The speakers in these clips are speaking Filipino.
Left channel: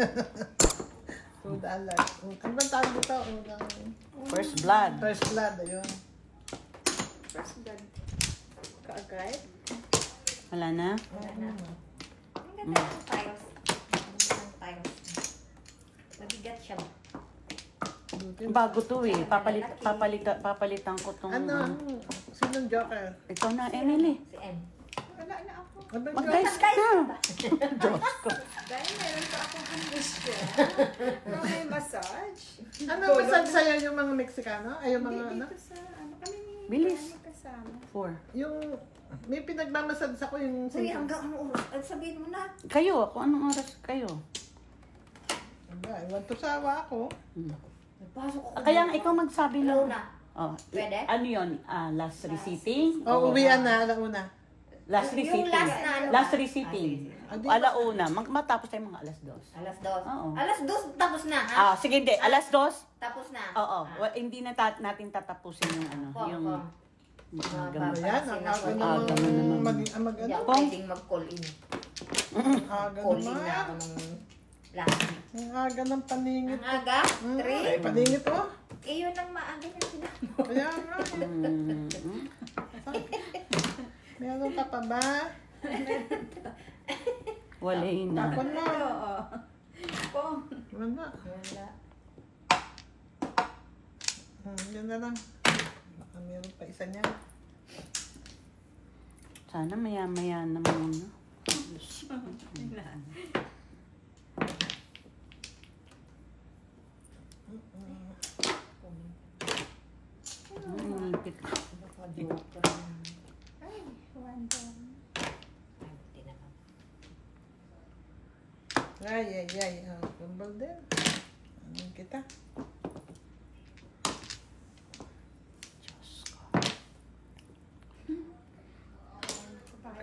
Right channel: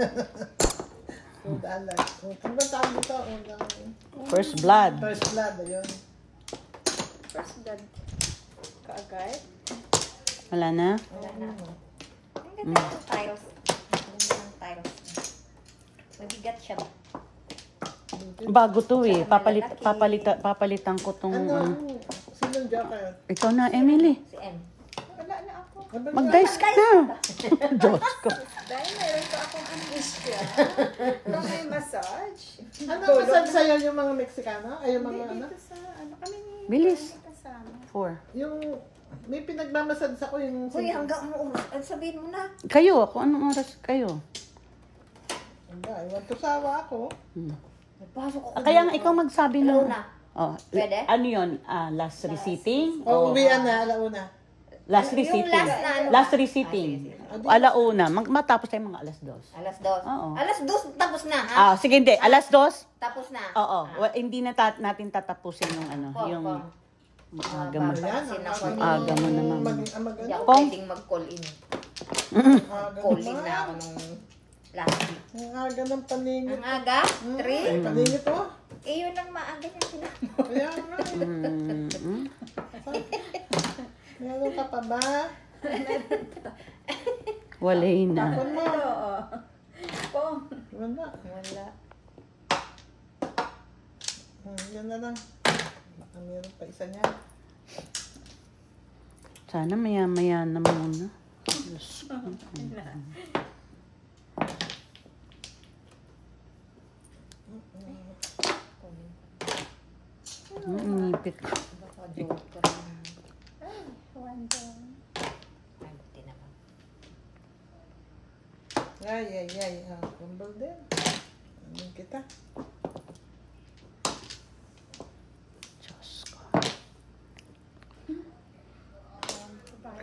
$2. Ano ba tawag dito? First blood. First blood, ayun. First blood. Kaagad? Wala na? Wala na. Ang ganda ng tiles. Mabigat siya. Bago to eh. Papalitan ko tong... Ano? Sinong joker? Ito na, Emily. Si M. Wala na ako. Mag-dice ka. Diyos ko. Dahil mayroon pa akong angustia. Kung may massage. Ano massage sa'yo yung mga Mexicano? Ay, yung mga ano? Dito sa ano kami ni Bilis. kasama. 4. Yung may pinagmamassage ako yung... Uy, hanggang sabihin mo na. Kayo, kung anong oras kayo? Ay, want to sawa ako. Nagpasok ako. Kaya nga ikaw magsabi Hello mo. na. Oh, Pwede? ano yun? Last receipting? O, uwian na, alauna. Last Yung receipting. last na ano? Last receipting. Alauna. Matapos tayo mga alas 2. Alas 2. Oo. Alas 2 tapos na, ha? Sige, hindi. Alas 2? Tapos na. Oo. Hindi na natin tatapusin yung ano. Yung gamot. Ayan, Sinasabi. ang ganun naman. Hindi ako Pong? pwedeng mag-call in. aga Call in na naman. ako nung last week. Ang aga ng paningit. Ang aga? 3? Ay, paningit oh. Eh, yun ang maaga yung sinabi. Kaya nga. Meron ka pa ba? Walay na. Tapon mo. Oo. Pong. Wala. Wala. Yan na lang. Baka meron pa isa niya. Sana maya-maya na muna. Nipit ko. Baka joker na. Ay, one down. Ay, buti naman. Ay. Kumbal din. Amin kita. Diyos ko.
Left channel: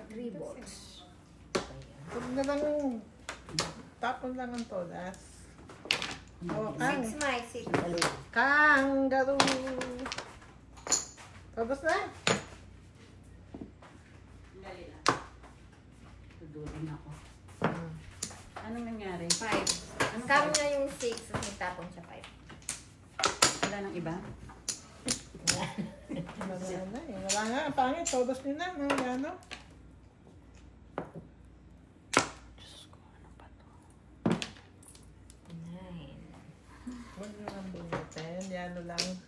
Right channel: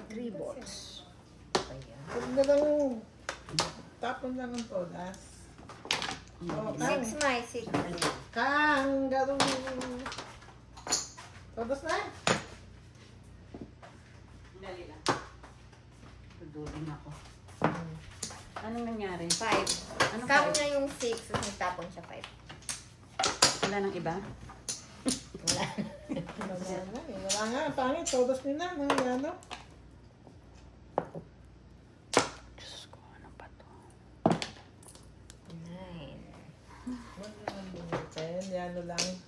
3 balls. Ayan. Huwag na lang. Tapon lang ang todas. Oh, 6 my 6. Kangaroo. Tapos na. Dali lang. Tudulin ako. Anong nangyari? 5. Kamo na yung 6, nagtapon siya 5. Wala nang iba? Wala nga. Pangit. Todas nyo na. Ano? Diyos ko, ano ba to? 9. Huwag nyo lang binitin. Yan lang.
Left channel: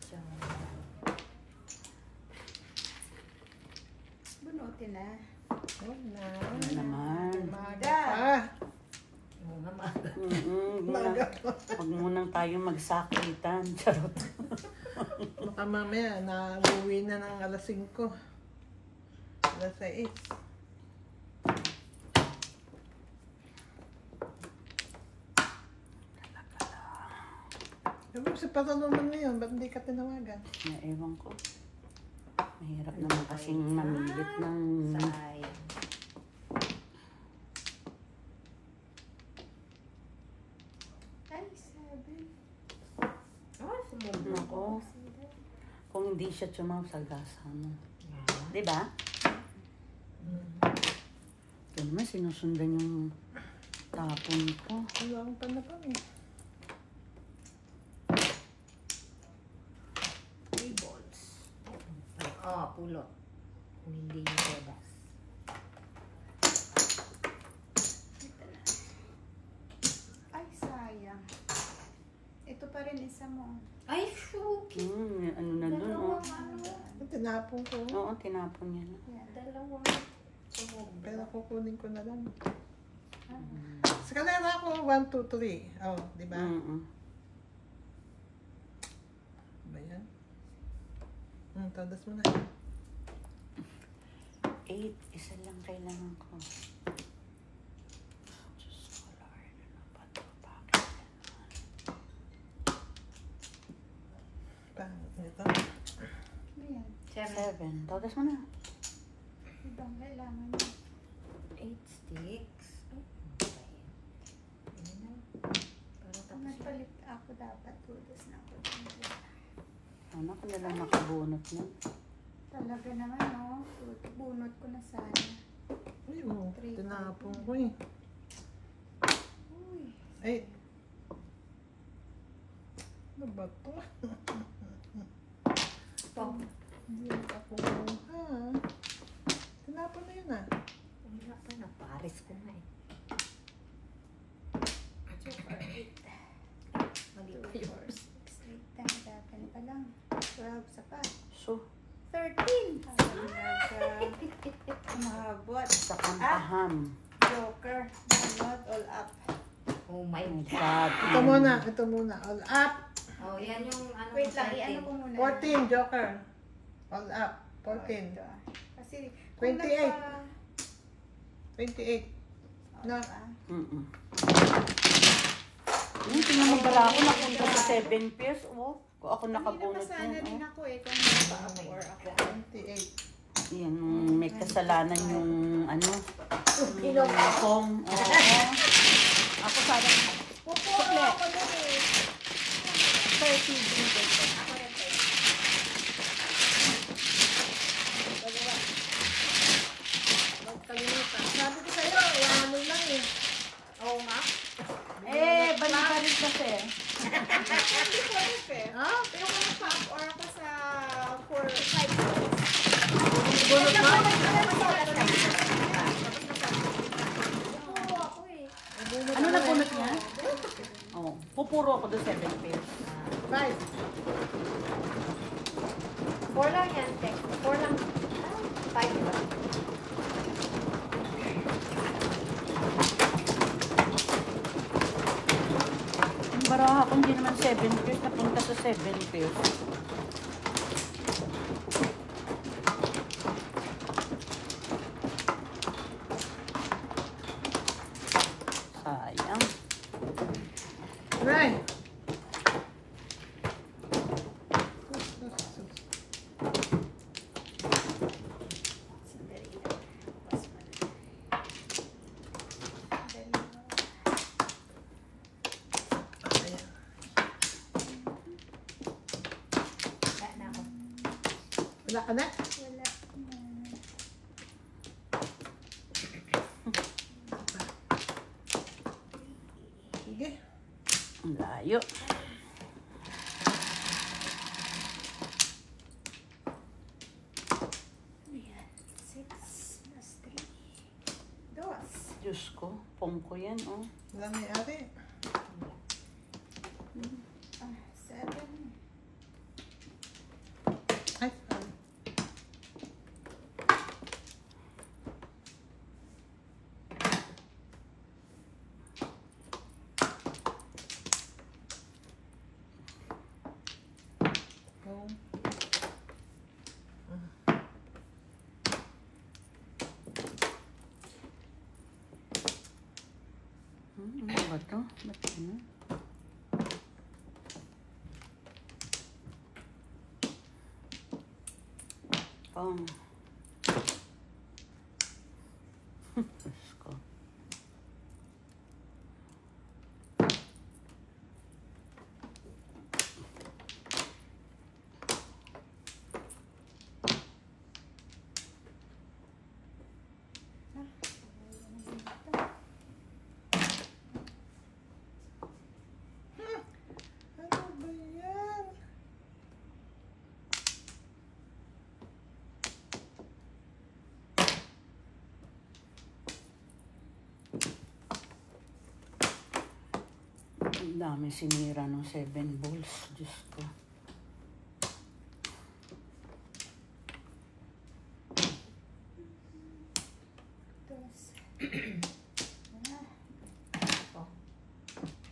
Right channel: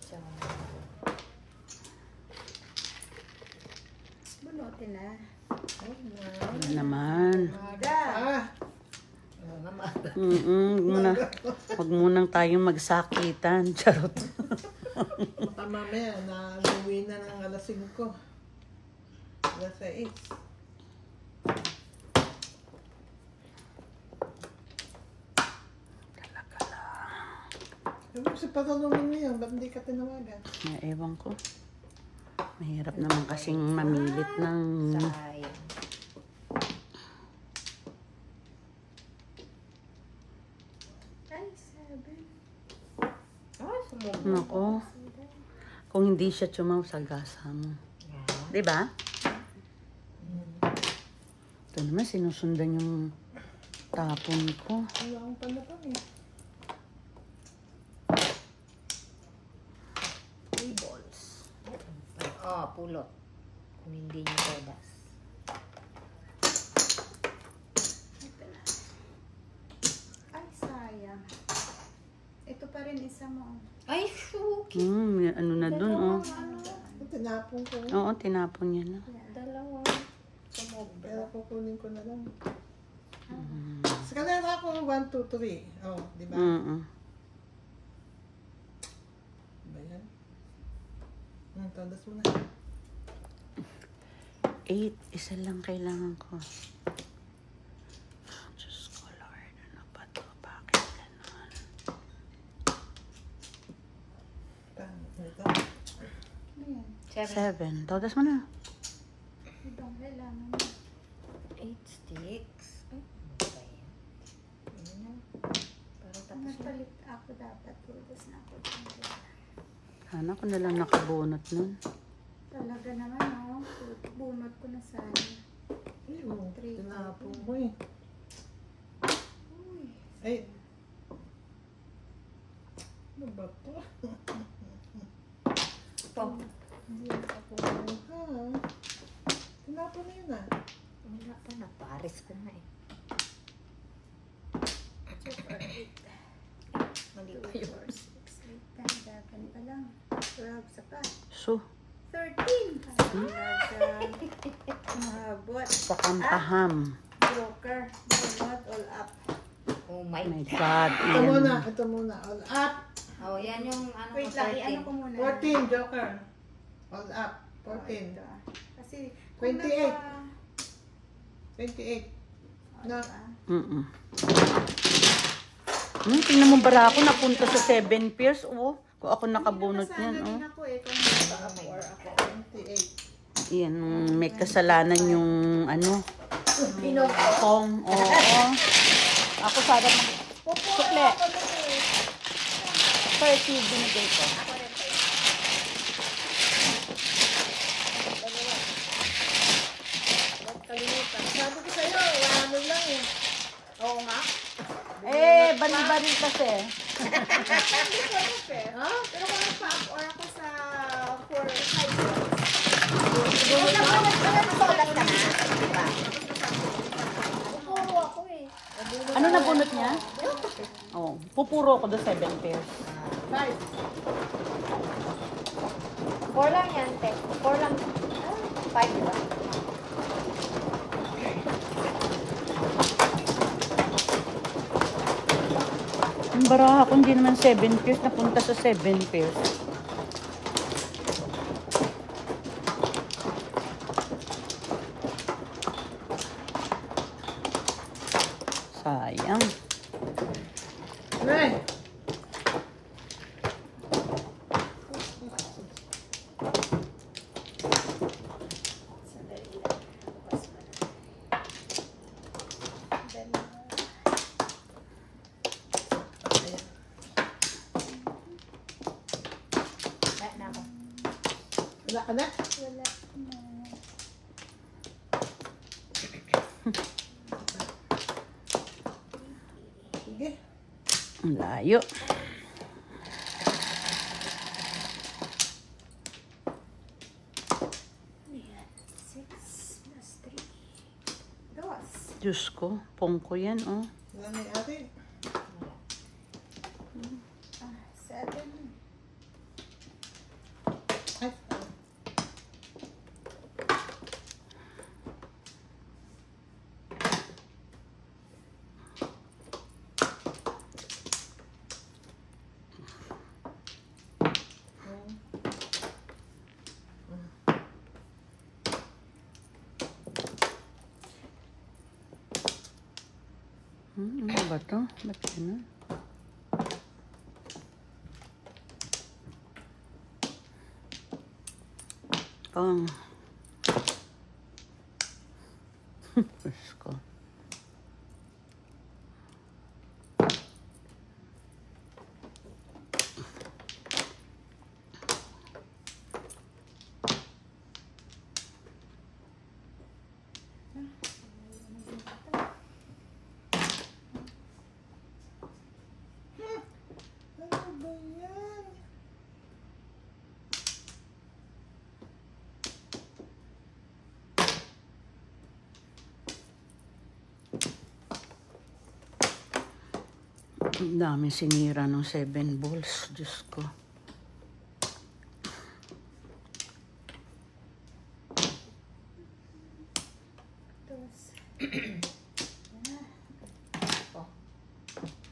Bunutin na. Huwag na. Wala naman. Ah. Huwag munang tayong magsakitan. Charot. Baka mamaya, naluwi na ng alas 5. Alas 6. Sabi sa patanungan ngayon, ba't hindi ka tinawagan? Ewan ko. Mahirap naman kasing mamilit ng... Sayang. Ay, 7. Ay, sumubok. Nako. Kung hindi siya tumaw sa gasa mo. Yan. Diba? Ito naman, sinusundan yung tapon ko. Wala akong panapang eh. 3 balls. Pulot. Kung hindi niya todas. Ito na. Ay, sayang. Ito pa rin isa mo. Ay, shuki. Ano na dun, oh. Tinapon ko. Oo, tinapon niya na. Dalawang sumubok. Pero kukunin ko na lang. Sa kanila ako, 1, 2, 3. Oh, di ba? Ba yan? Tandas mo na. 8, isa lang kailangan ko. Diyos ko, Lord, ano ba ito? Bakit gano'n? Ito. Ano yan? 7. Todas mo na. Ibang kailangan mo. 8 sticks. Ay, ano ba yan? Ano na? Para tapos na. Nagpalit ako dapat. Pudas na ako. Sana ko nalang nakabunot nun. Talaga naman, oh. Bunot ko na sana. Ay, oh, 3, tinapon ko eh. Uy. Ay, Umabot. Sa kampaham. Joker. Not all up. Oh my Oh my God. God. Ito muna. All up. Oh, yan yung ano. Wait lang, 14. i-ano ko muna. 14, Joker. All up. Oh, 14. ito, ah. Kasi, 28. 28. No. Mm-mm. Tingnan mo bara ako napunta sa 7 pairs. Oh, kung ako nakabunot Sana na. din ako eh, kung naka-up or ako. 28. Yan, may kasalanan yung ano. Pinong ko? Home. Oo. Ako sana. Pupuro ako nun eh. 30 din ko. Kalimutan. Sabi ko sa'yo, ano lang eh. Oo nga. Eh, bali-bali kasi. Hindi ko alam eh. Ha? Pero kung nag-up or ako sa 4-5 ko. Pupuro ako eh. Ano na bunot niya? Oh, pupuro ako doon 7 pairs. 5. 4 lang yan, te. 4 lang. 5 ba? Ang baraha kung hindi naman 7 pairs, napunta sa 7 pairs. Sayang. Right. Sandali lang. Bukas pa na. Sandali lang. Wala na ako. Wala ka na? Wala na. Sige. Ang layo. Ayan. 6 plus 3. Dos. Diyos ko, pongko yan, oh. Wala na yung ate. 7. Ay, Ano ba ito? Ba't yun, ah? Diyos ko. ano ba yan? Ang dami sinira ng 7 balls. Diyos ko. Dos.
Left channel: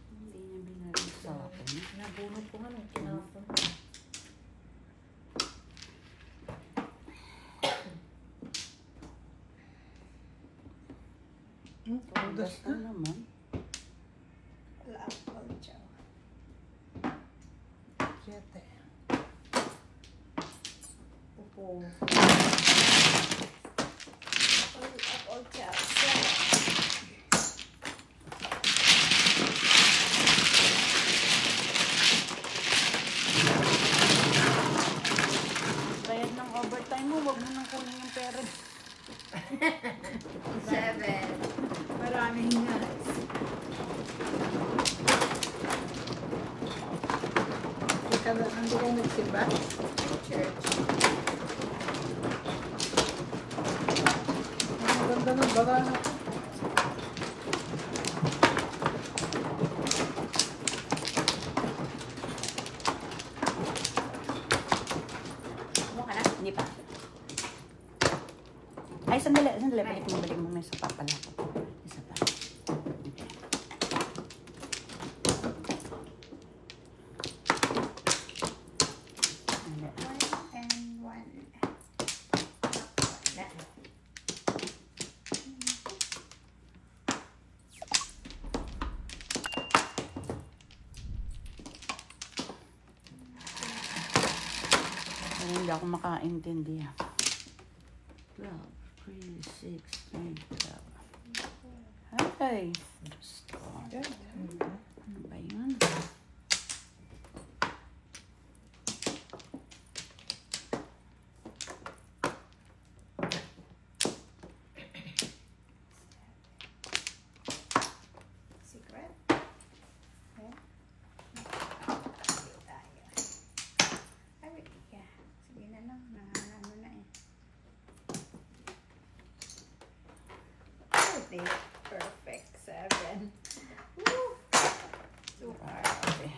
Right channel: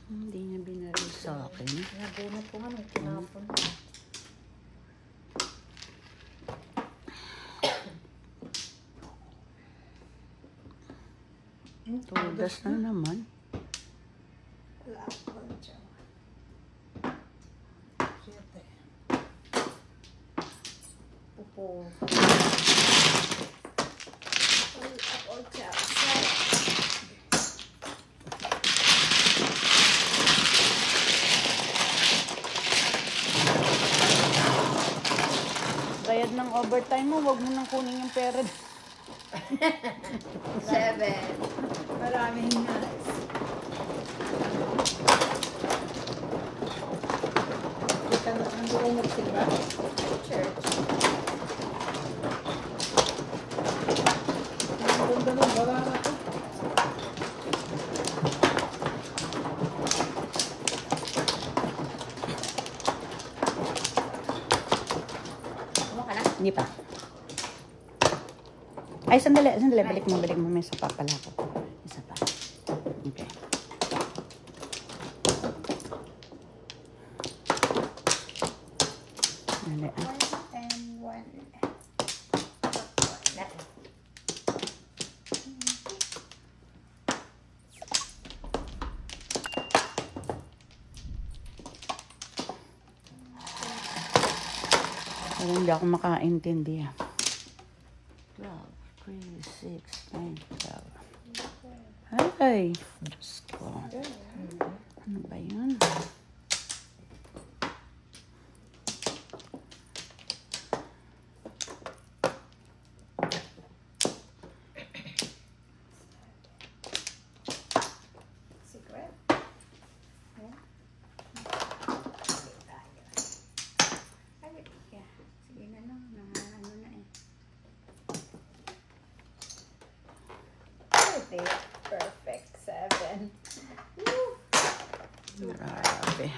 Hindi niya binalik sa akin. Nabunot ko nga nung tinapon. Tudas na naman. Wala ako. Diyan. 7. All up, all chow. Bayad ng overtime mo, huwag mo nang kunin yung pera. 7. Maraming na. Ika na, ano ka nagsimba? Church. Ang ganda ng bara na to. Hindi pa. Ay, sandali. Balik mo. May isa pa pala. Isa pa. Okay. Sandali. 1 and 1. Hindi ako makaintindi. 12, 3, 6, 10, 12. Ay! Diyos ko. Ano ba yun? Secret. Ayan. Ay, yeah. Sige na no. Ano na eh. Oh, perfect. 7. Woo! Super. Okay.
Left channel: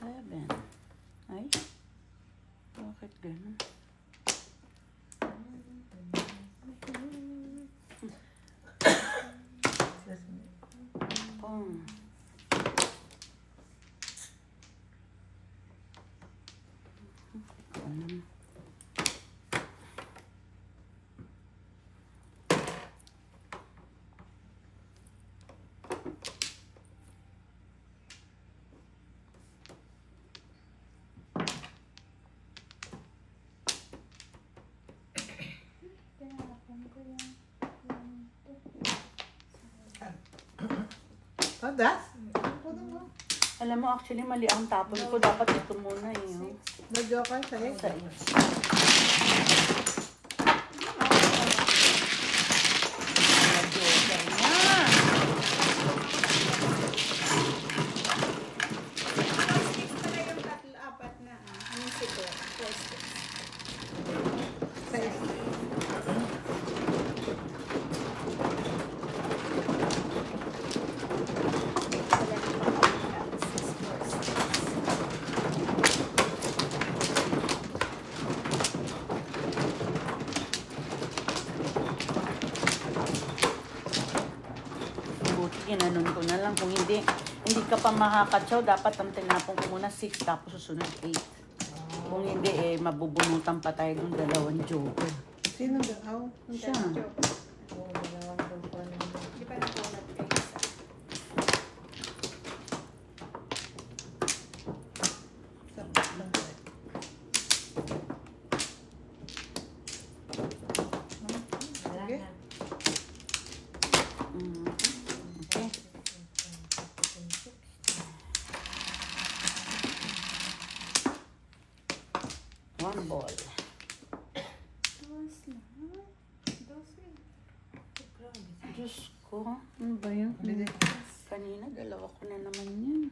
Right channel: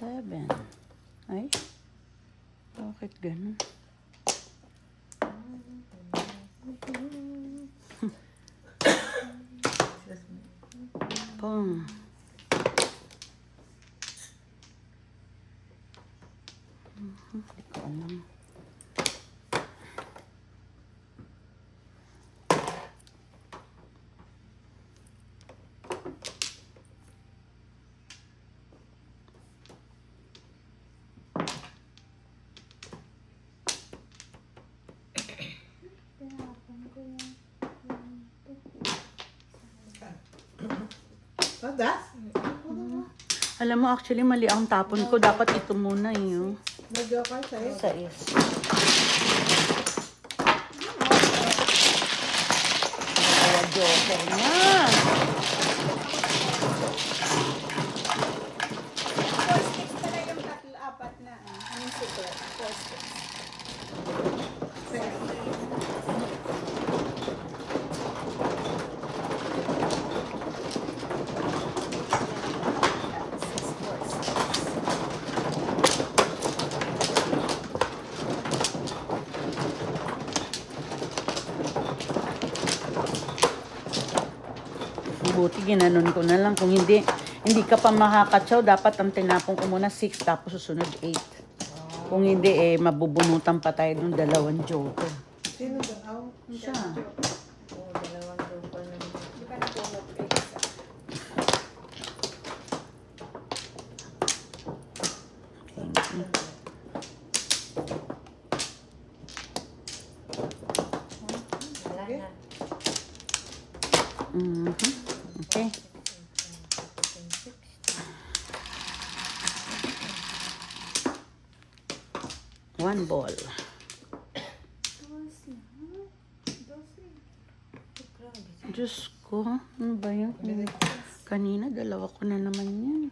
Seven. Ay, bakit ganun? Boom. Tinapon ko yan. Das? Alam mo, actually, mali ang tapon ko. Dapat ito muna yun. Medyo ako sa'yo. Six pala yung tatlo, apat na. Anong secret? 4, 6. Buti, ginanon ko na lang. Kung hindi ka pa makakatsaw, dapat ang tinapon ko muna 6, tapos susunod 8. Kung hindi, mabubunutan pa tayo ng 2 joker. Sino ba? Aw. Siya. Di ba nabunot kayo isa? Sige. Okay. One ball. Dos na. 12. Diyos ko, ano ba yun? Kanina, 2 ko na naman yun.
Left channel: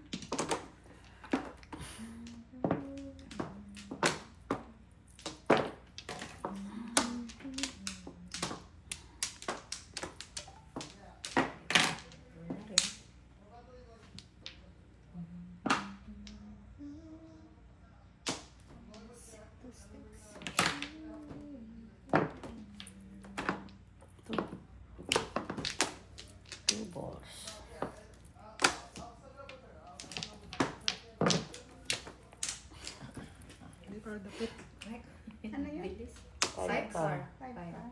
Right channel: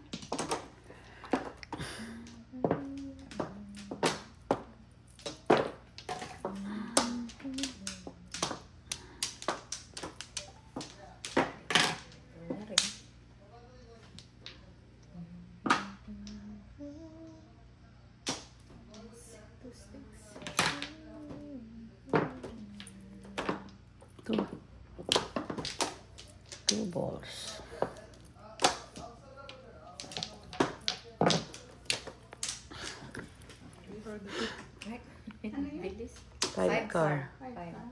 Two balls. Ano yun? 5 car. 5 car.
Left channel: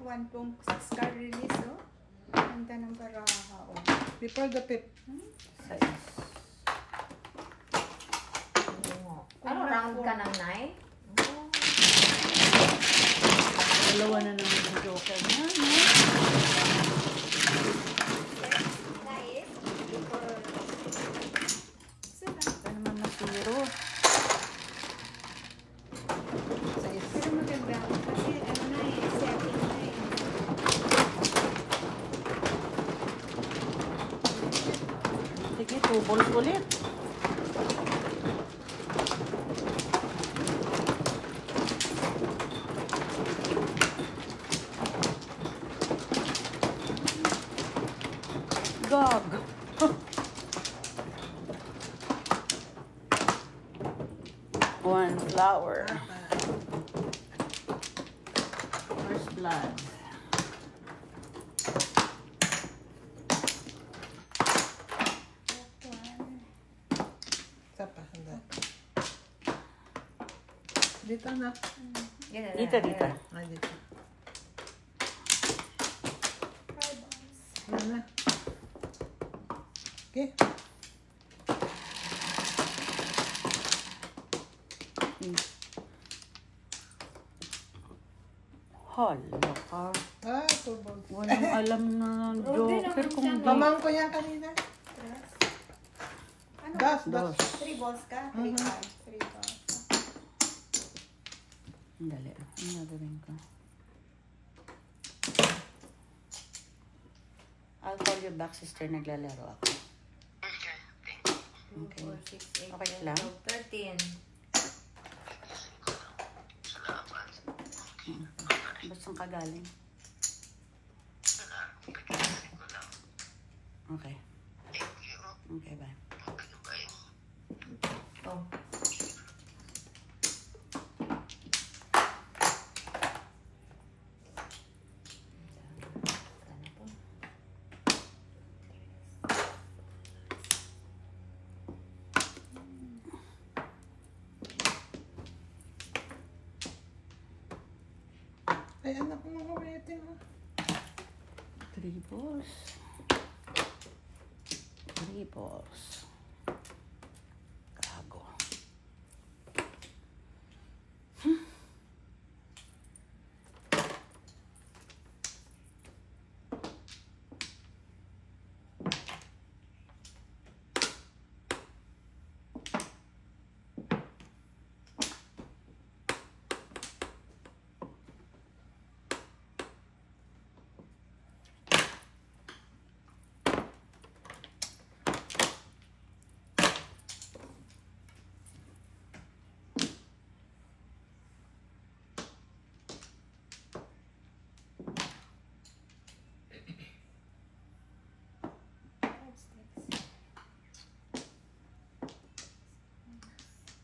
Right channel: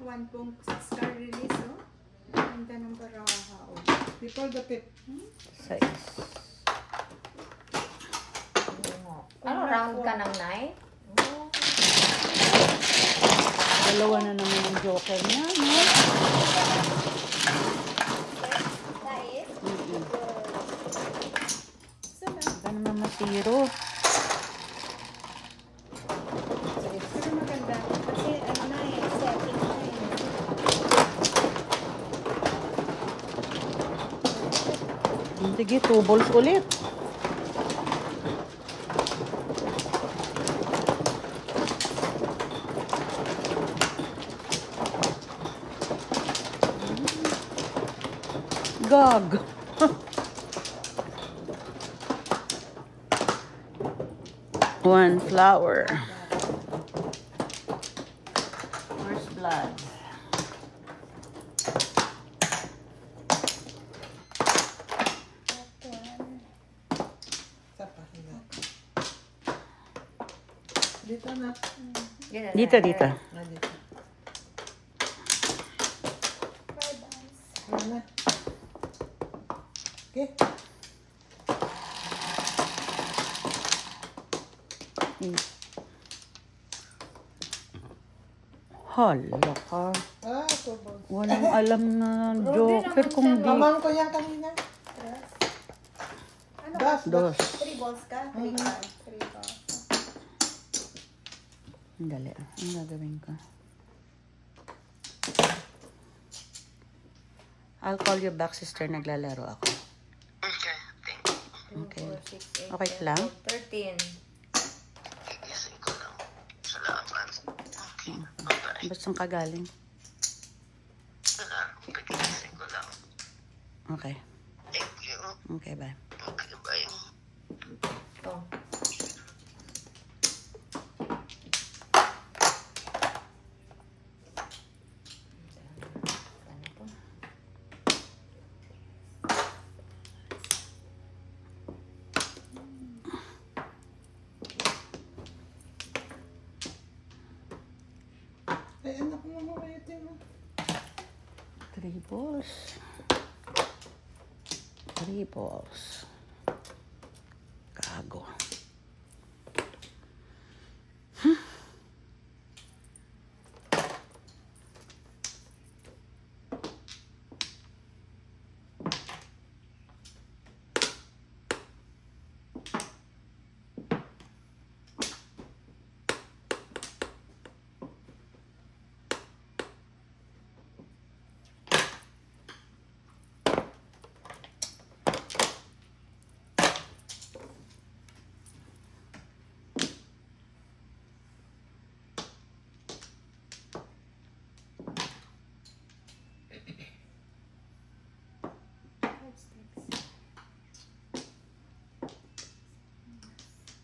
1 pong 6 car release, oh. Ganda ng baraha, oh. Before the pip. 6. Ano, round ka ng 9? 2 na naman yung joker niya. Ano naman 0? Pero maganda. Kasi ano na eh, setting na eh. Sige, 2 balls ulit. gag. One flower. First blood. Isa pa, hindi. Dito na. Dito, dito. Ah, dito. 5 ounce. Ayan na. Okay. Hala ka. Ah, tubog. Walang alam na joker kung di. Mamang ko yan kanina. Tres. Ano Dos, ka? dos. 3 balls ka? 3 cards. 3 balls. Ang dali. Ang gagawin ko. I'll call you back, sister. Naglalaro ako. Okay. 4, 6, 8, Okay 10, lang? 12, 13. Ba't saan ka galing? Okay. Okay, bye. Oh. Ano po? Ay, anak mo mo ito. Triples. Triples. Gago.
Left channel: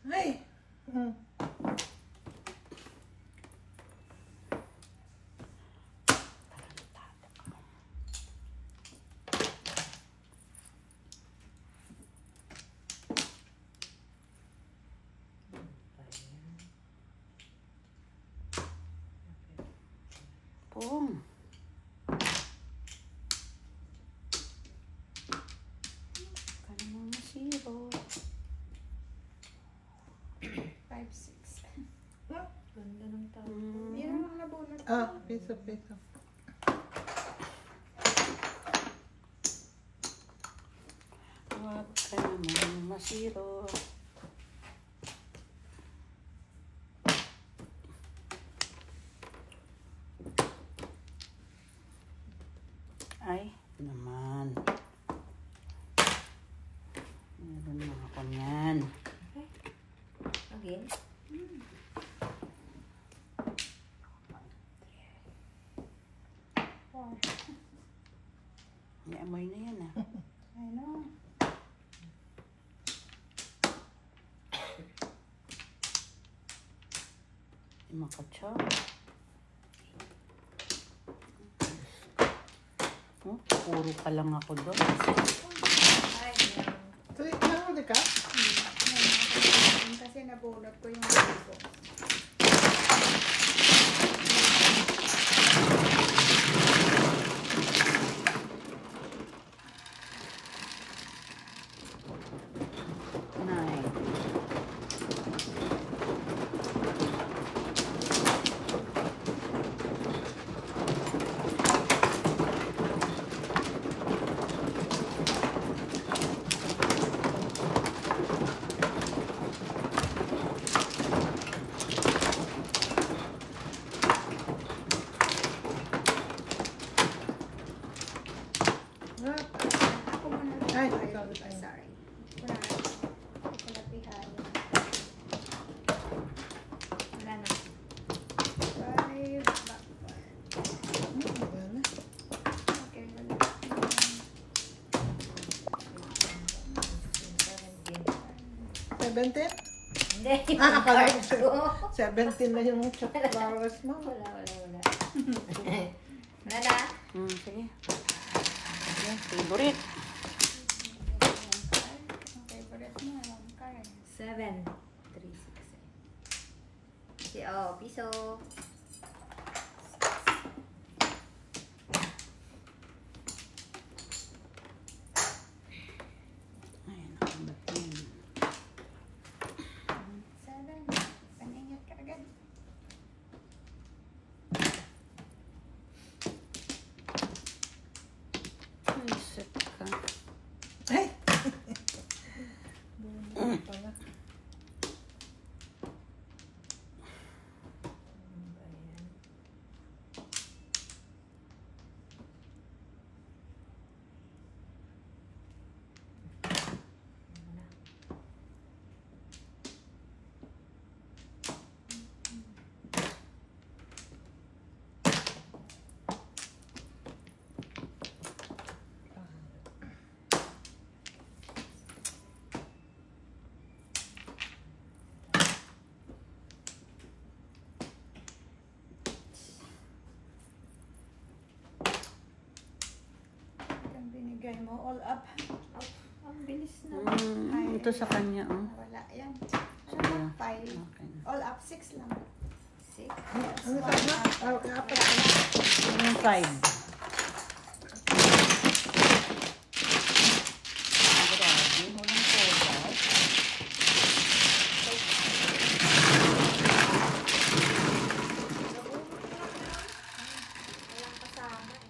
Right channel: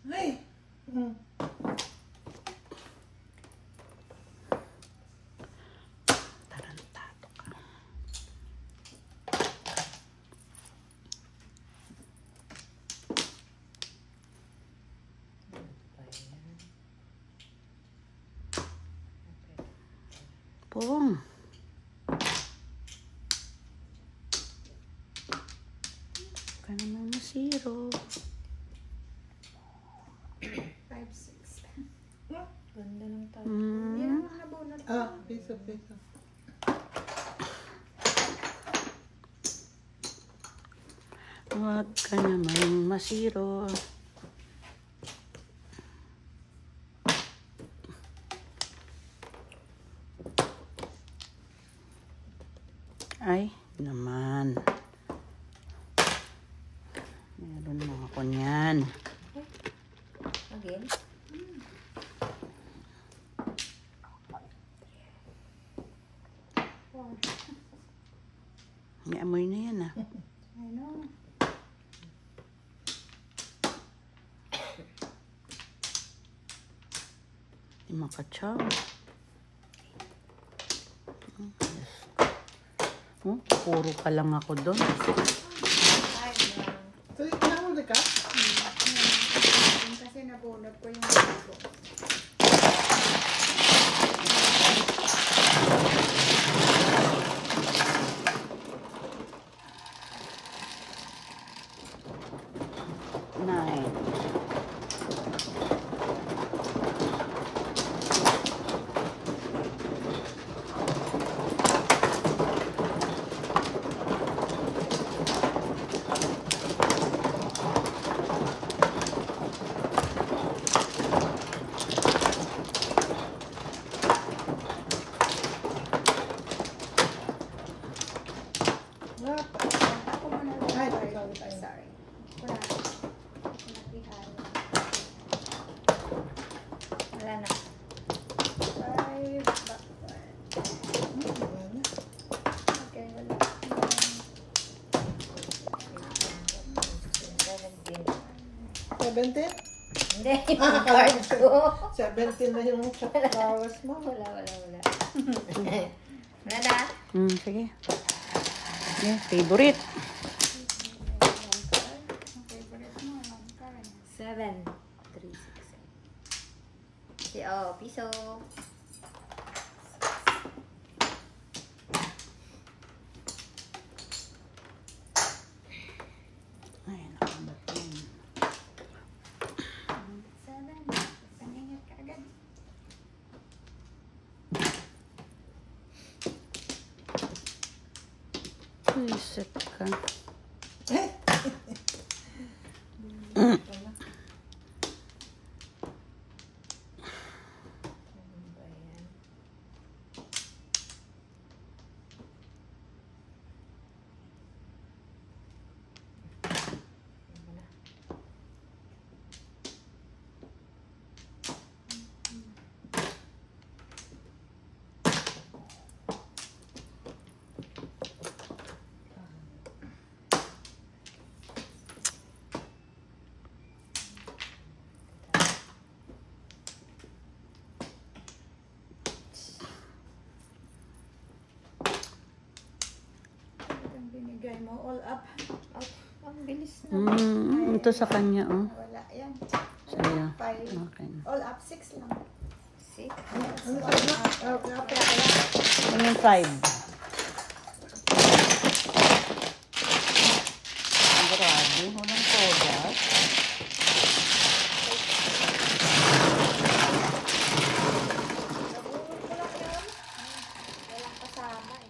Ay! Hmm. Tarantado ka. Boom. Kanina masiro. 5, 6. Ganda ng tao. Yan ang nabunot. Ah, piso, piso. Huwag ka naman masiro. Ay, naman. Meron na ako niyan. Again? May amoy na yan ah. I know. Di makachop. Oh, puro pa lang ako doon. Ay, no. Tuloy, nahuli ka? Kasi nabunot ko yung bago. Nine. 17? Hindi, Ah, akala part ko 2. 17 na yung chop flowers mo. Wala. Wala na. Sige. Okay, favorite. Ang favorite mo, ang card. 7. 3, 6, 8. Okay, piso. Ay, nakabot na yun. 7. Pangingat ka agad. Reset ka. Ay! Ang binigay mo, all up. Ang bilis na. Ito sa kanya, oh. Wala yan. Sayang. 5. Okay. All up, 6 lang. 6. Ano ka na? Oh, kapit. Yung 5. Walang kasama eh.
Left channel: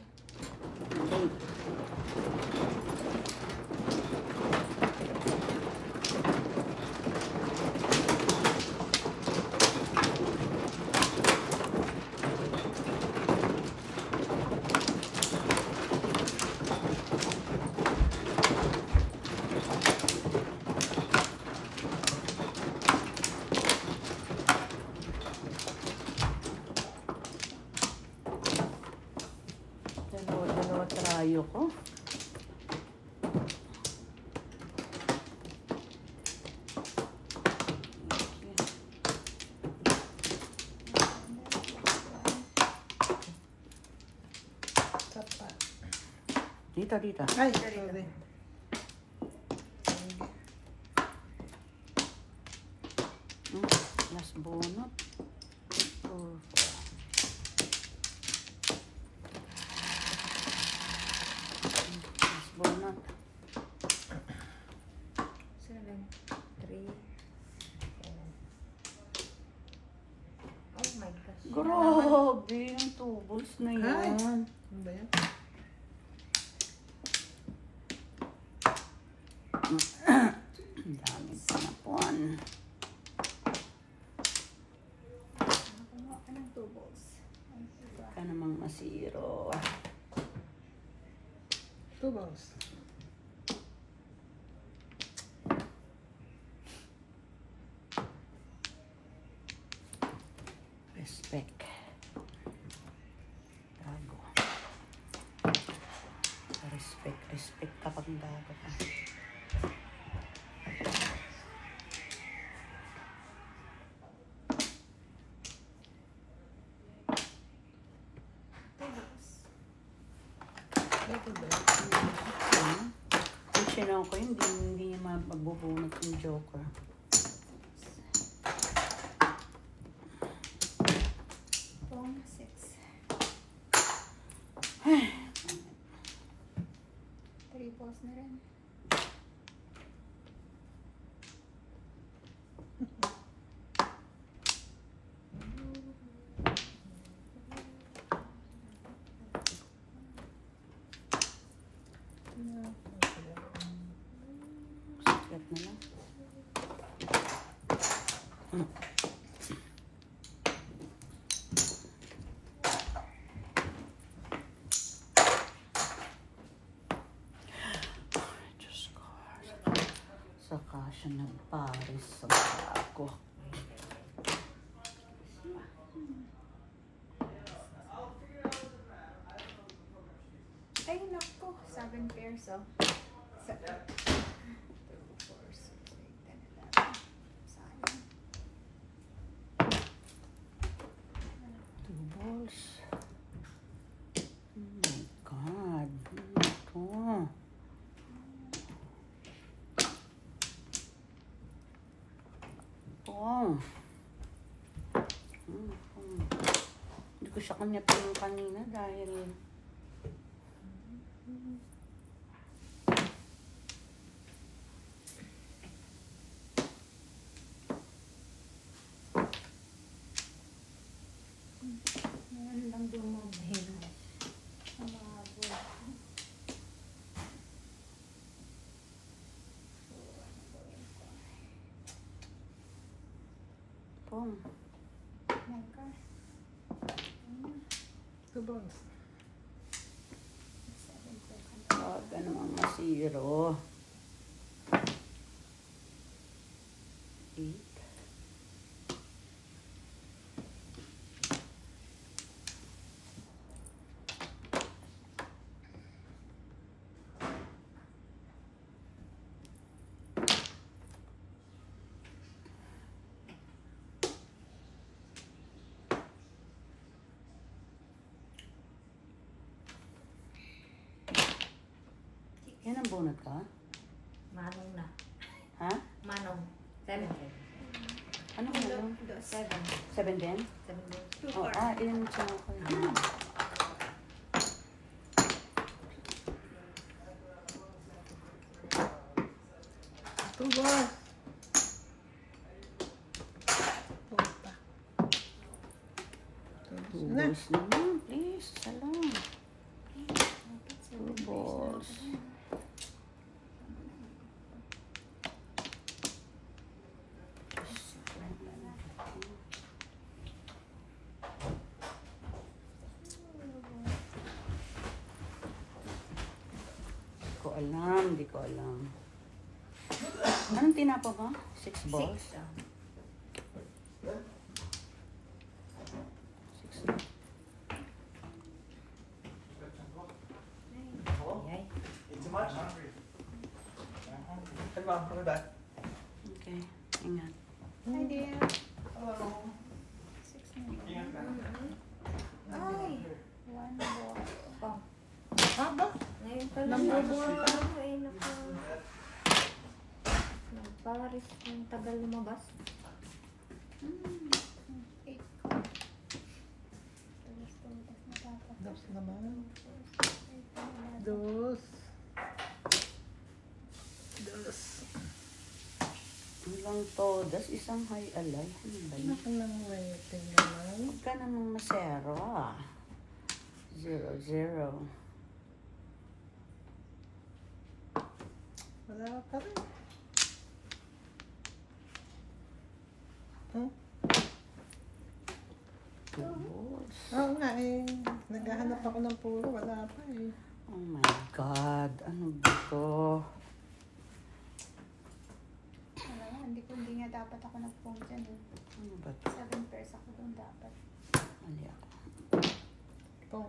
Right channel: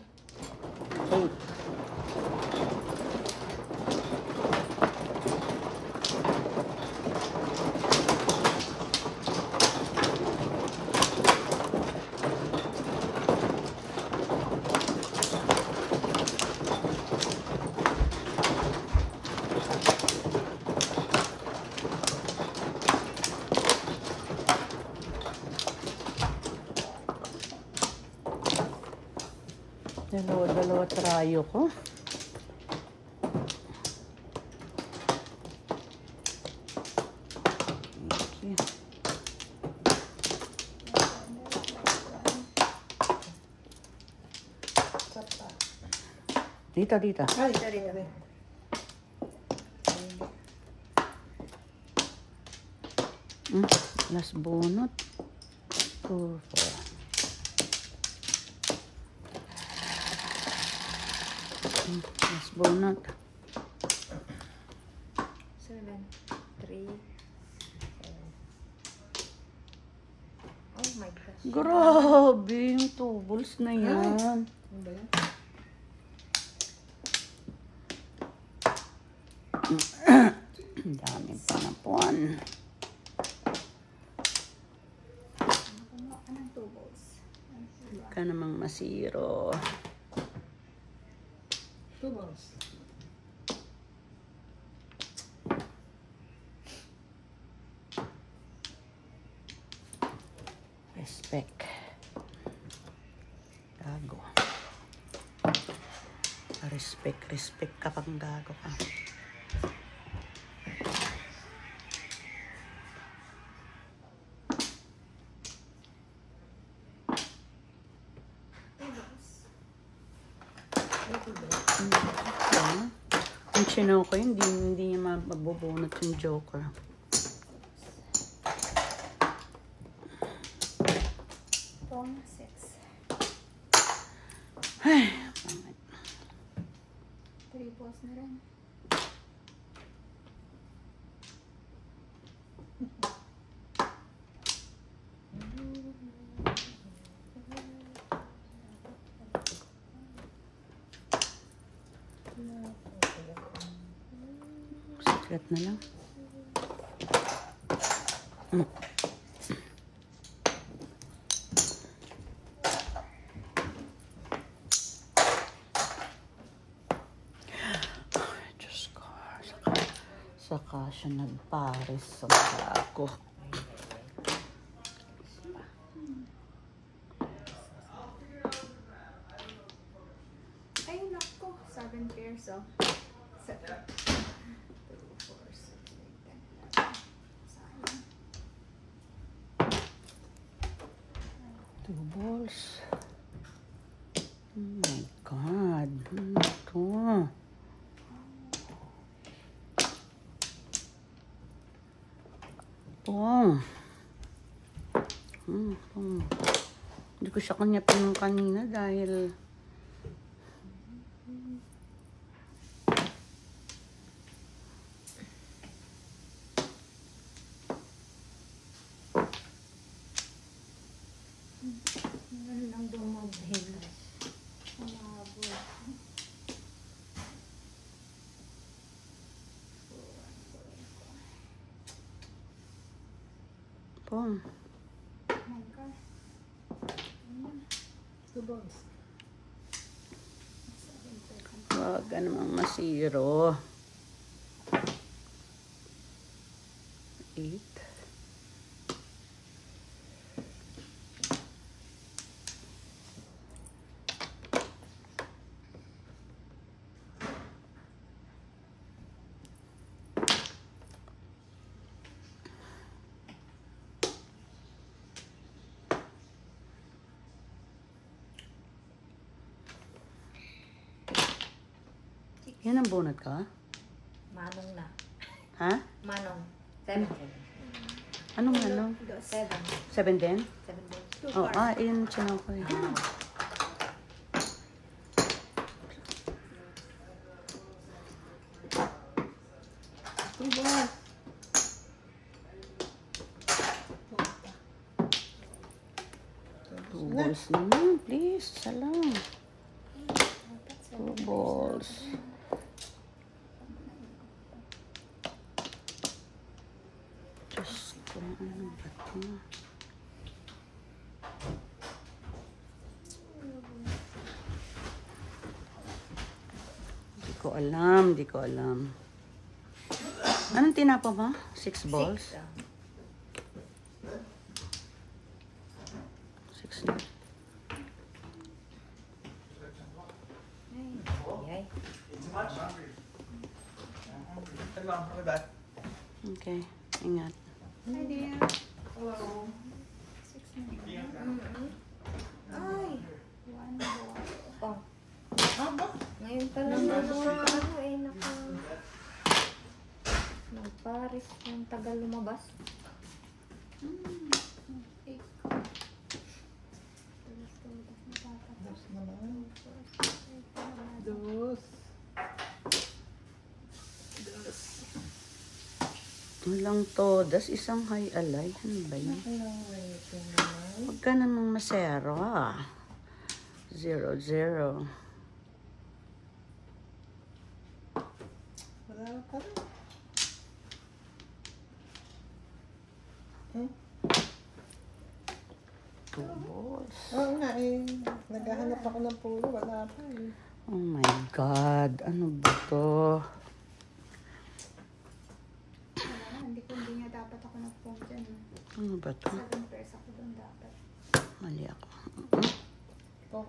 Dalawa trayo ko. Dito. Ay, sorry. Last bunot. 2, 4. Last bunot. 7. 3. 7. Oh my gosh. Grabe, yung tubos na yan. Ano ba yan? Ang daming panapuan. Kumuha ka ng 2 balls. Ka namang masiro. 2 balls. Respect. Gago. Respect ka pang gago ka. Yung Chinoco, hindi niya magbubunot yung Joker. Pong 6. Ay, 3 balls na rin. secret na lang. Diyos ko. Saka siya nagpares sa ako. Ay, naku. 7 pairs, oh. 7. 2, 4, 6, 8, 10, 11. balls. Oh my God. Ano ito? Wow. Hindi ko siya kanya pinong kanina dahil Meron lang dumabhin. Umabot. Boom. Oh my God. Two balls. Huwag ka namang masiro. 8. Yan ang bunot ka? Manong na. Ha? Manong. 7. Anong ano? 7. 7 din? 7. 2 Oh, ilan siya ako eh. Two balls. Two balls naman, please. Salam. 2 balls. Di ko alam. Anong tinapa ba? 6 balls? 6 na. Yay. Okay, ingat. Hi dear. Hello. 6 na. Ay, 1 ball. Oh, Haba. ngayon pa lang naman ay naka... Nagparis yung tagal lumabas. 8 ko. Tulas na tatapos. Dos naman. 2, 4, 6, 7, 8, 9, 10, 11. Dos. Dos. Ito lang to. Das isang high alay. Ano ba yun? Anong waiting naman? Huwag ka namang masero ah. 0, 0. Wala ka rin. Hmm? 2 balls. Oo nga eh. Naghahanap ako ng puro. Wala pa eh. Oh my God. Ano ba to? Wala nga, hindi nga dapat ako nag-phone dyan. Ano ba to? 7 pairs ako doon dapat. Mali ako. Ito.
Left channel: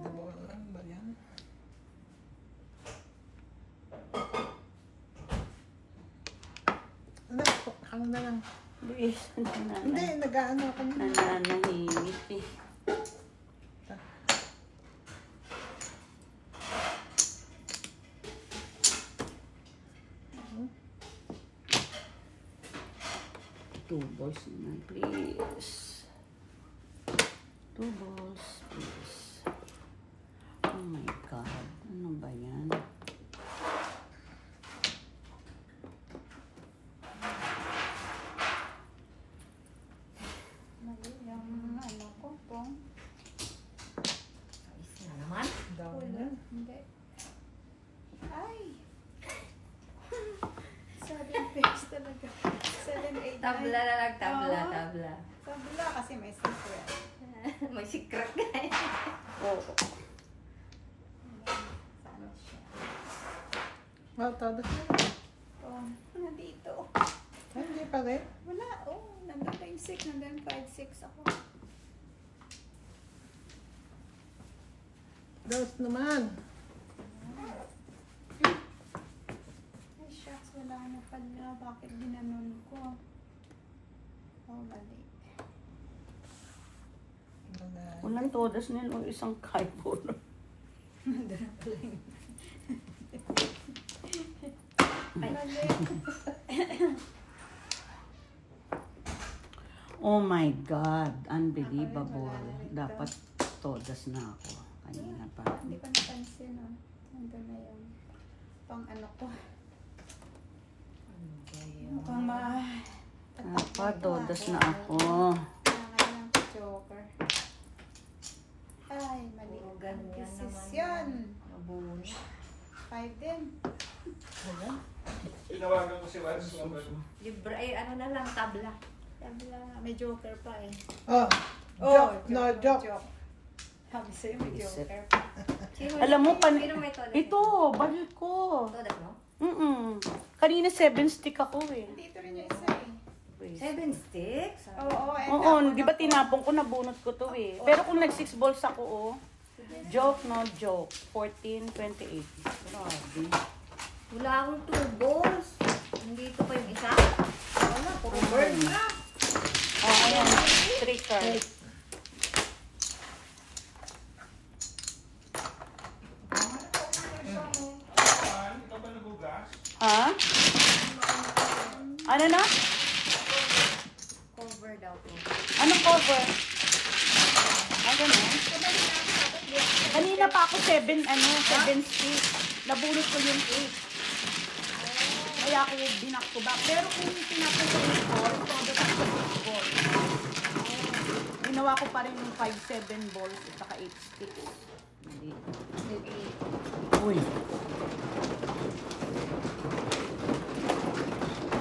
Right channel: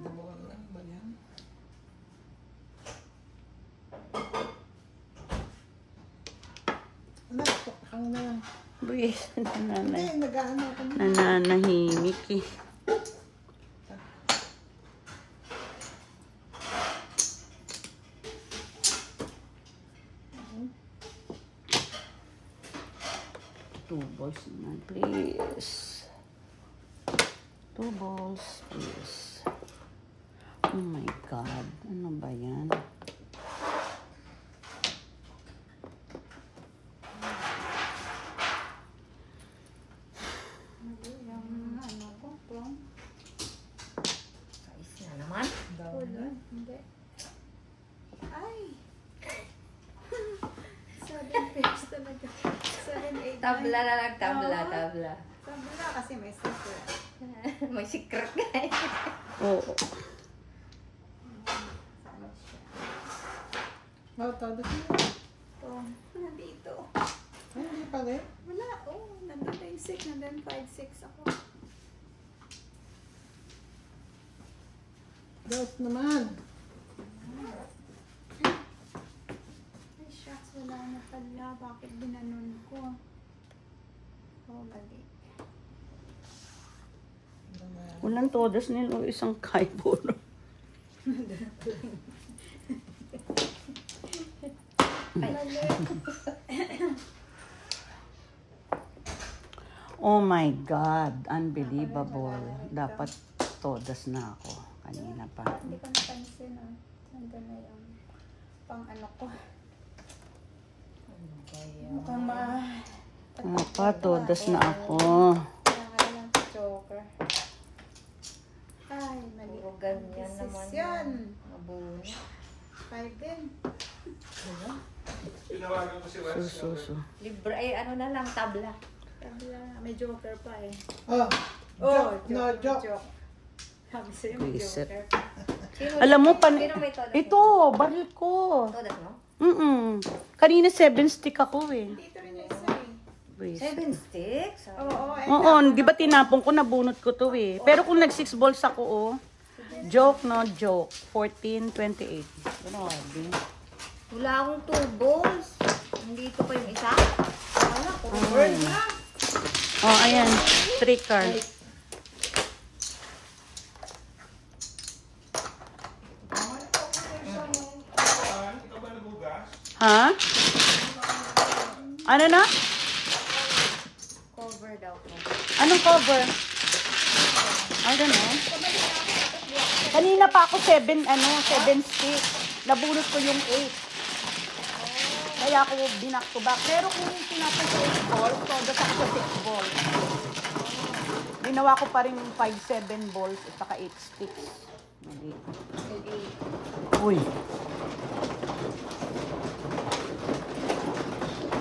Nawala ba yan? Ano? Hang na lang. Buwis. Hindi, nag-ano ako na. Nananahimik eh. Two balls naman, please. 2 balls, please. Oh my God. Ano ba yan? Mali yung ano ko, pong. Is na naman. Wala, hindi. Ay! 7 pairs talaga. 7, 8, 9. Tabla na nagtabla, Oo. tabla. Tabla kasi may secret. May secret guys. Oo. Saan siya? Oh, todo siya. Ito, nandito. Ay, hindi pa rin. Wala, oh. Nandun na yung 6, nandun 5, 6 ako. Dos naman. Ay, shucks. Wala na pala. Bakit ginanon ko? Oh, mali. Unang todas nila o isang kaibolo. Mali. Oh my God, unbelievable. Wala na rin to. Dapat todas na ako. Kanina pa. Hindi ko napansin, oh. Nandun na yung pang ano ko. Mukhang Dapat todas na ako. Kailangan lang si Joker. Ay, mali. Ganyan naman Desisyon. Abun. 5 din. Tinawagan ko si Wes. Libre, ay ano na lang, tabla. Sabi lang, may Joker pa eh. Oh, no joke. Sabi sa'yo, may Reset. Joker pa. Alam mo, Sino may todas? ito, baril ko. Todas mo? Kanina 7 stick ako eh. Dito rin yung isa eh. 7 sticks? Oo, Oo, di ba tinapon ko, nabunot ko to eh. Pero kung nag 6 balls ako oh. Joke, no joke. 14, 28. Wala akong 2 balls. Nandito pa yung isa. Wala, puro bird na. Oh, ayan. 3 cards. Ikaw ba nagugas? Ha? Ano na? Cover daw ko. Anong cover? I don't know. Kanina pa ako 7 stick. Nabunot ko yung 8. Kaya ako binak to back. Pero kung yung tinapon ko 8 balls, so dapat ko 6 balls. Ginawa ko pa rin 5-7 balls at saka 8 sticks. Mali. Uy.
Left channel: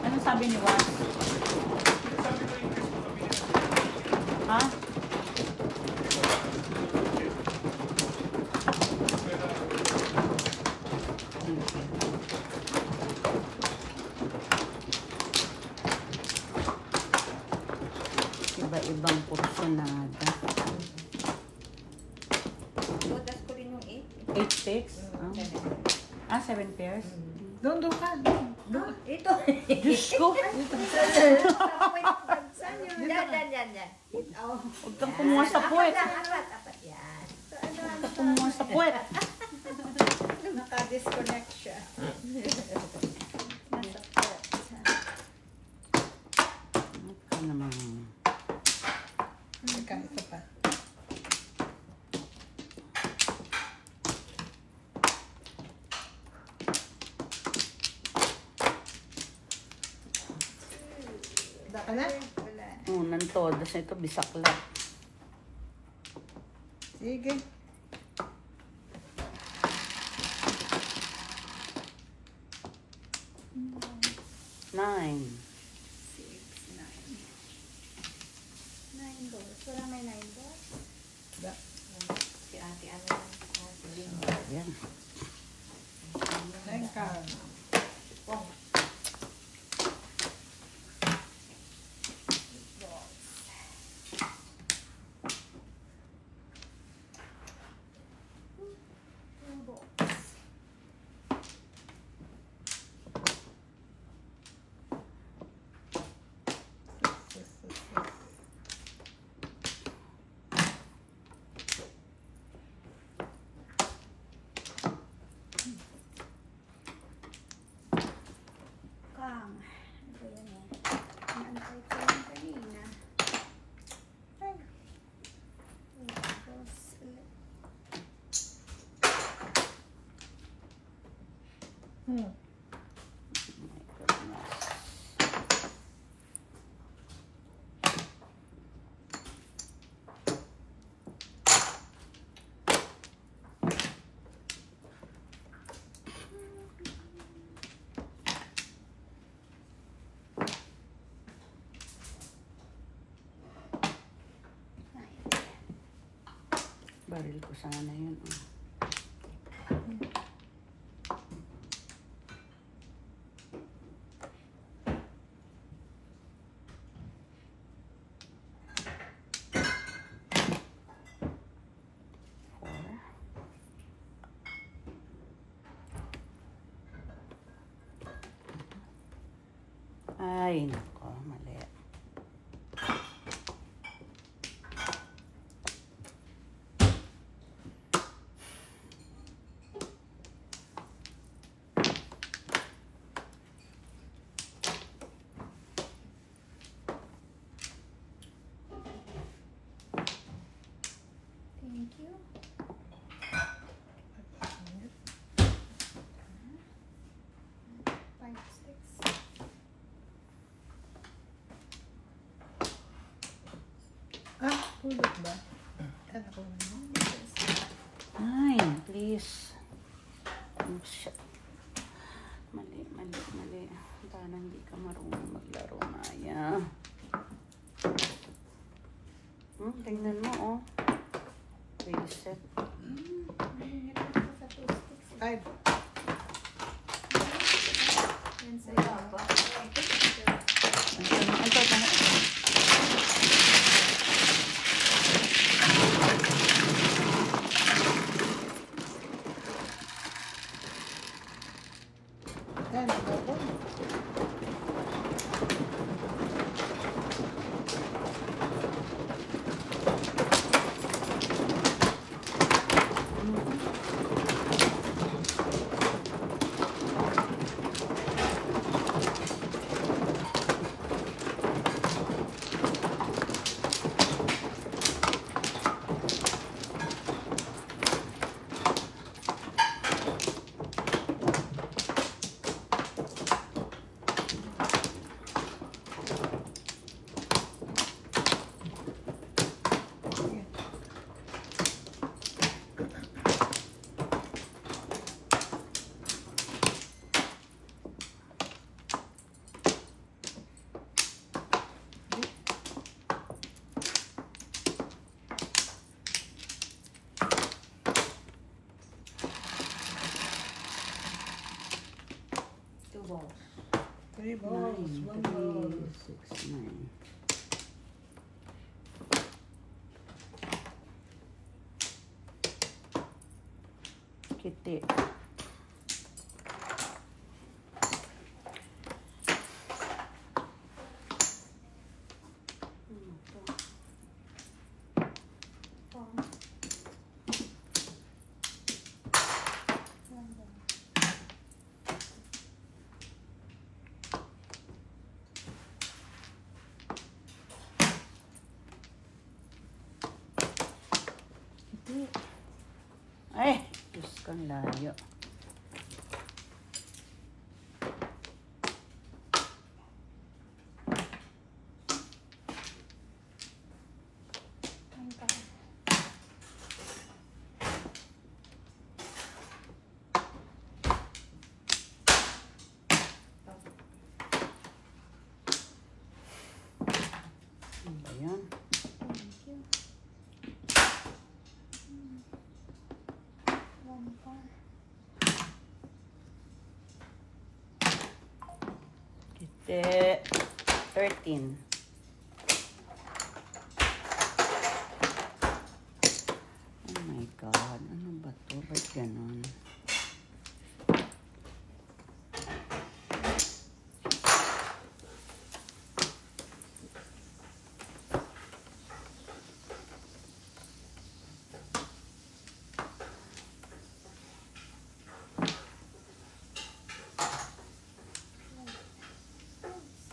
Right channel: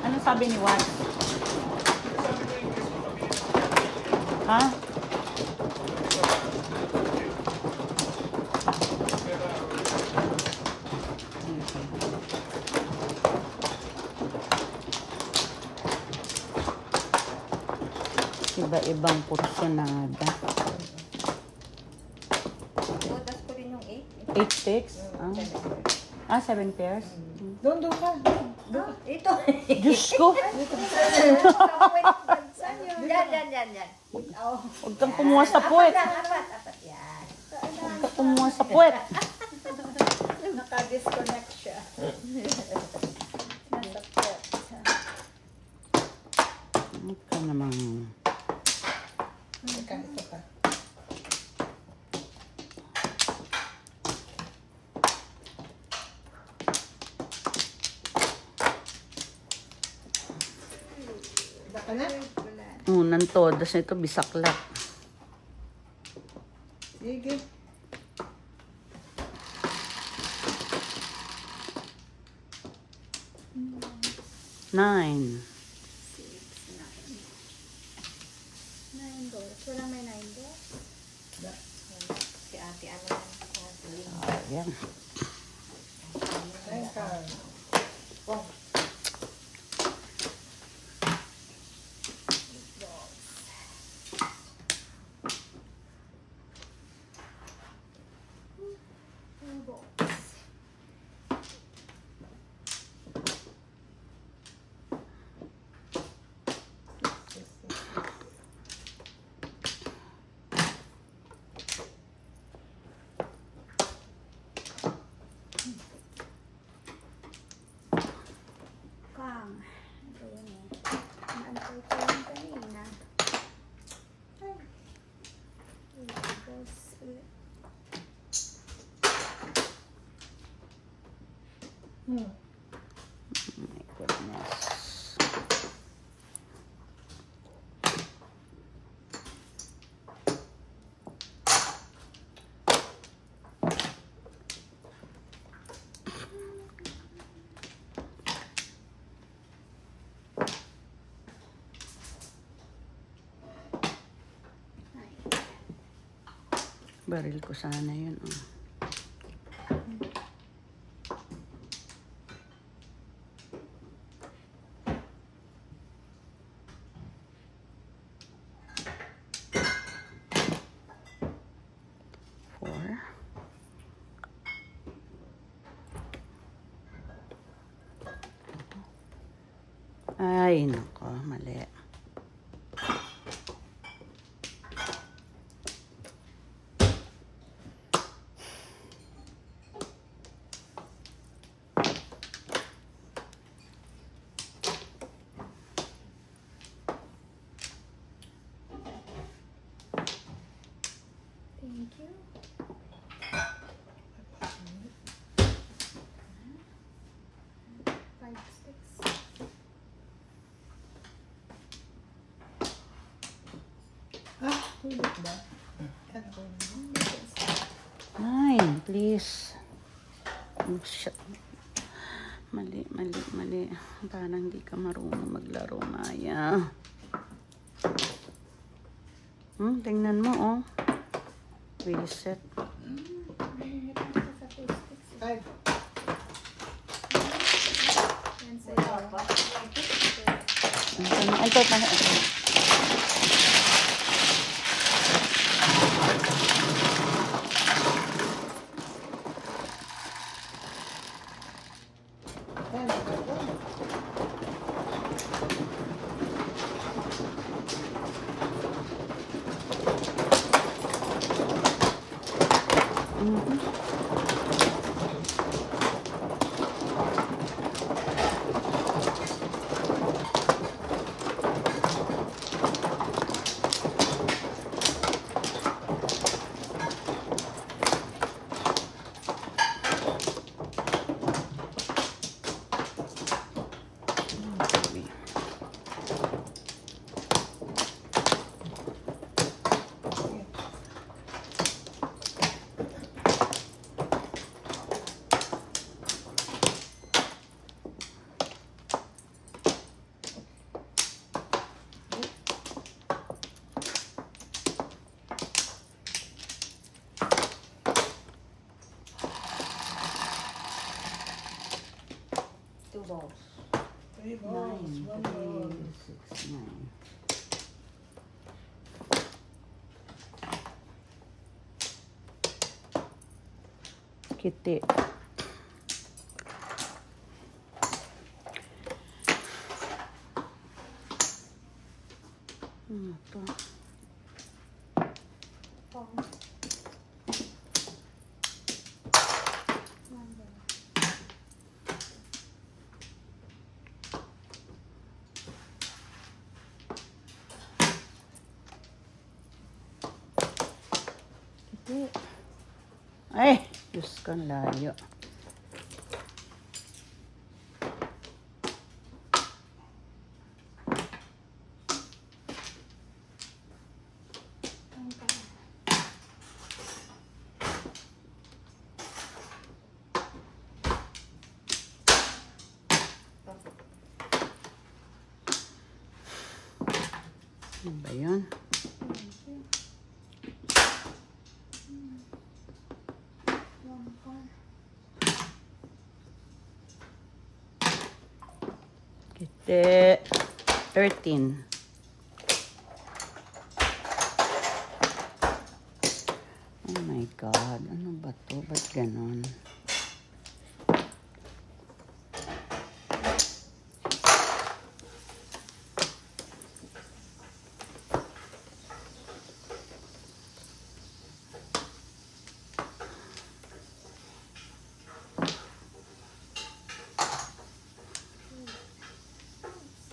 Ano sabi ni Juan? Sabi ko yung Chris ko kami. Ha? Iba-ibang porsyonada. Todas ko rin yung 8. 8 sticks? 7 pairs? Doon ka. Ito. Diyos ko! Yan. Oh. Huwag kang kumuha sa puwet. Apat yan. Huwag kang kumuha sa puwet. Naka-disconnect siya. Nasa pet. Ano ka naman? Teka, ito pa. Baka na? Wala na. Unang todas nito, bisaklap. Sige. Nine. 9 balls. Walang may 9 balls. Si ate ano. Ayan. Teka. Kang. Ito yun eh. Naantay ko yung kanina. Ay. 8 balls ulit. Oh my goodness. Baril ko sana yun. Oh. Four. Ay, nako, mali. Thank you. Five sticks. Ah, ulit ba? Ano? Nine, please. Oh, shit. Mali, mali, mali. Parang hindi ka marunong maglaro, Maya. Tingnan mo, oh. Reset. Mahirap kasi sa two sticks. Ay, Yan sa'yo. Ito, yan. Ako po. Two balls. 3 balls, 1 ball. 6, 9. Kiti. Ito. One ball. Ay, Diyos ko, layo. Ang ka. Ano ba yun? Thank you. One ball. Kiti. 13. Oh my God. Ano ba to? Ba't ganon?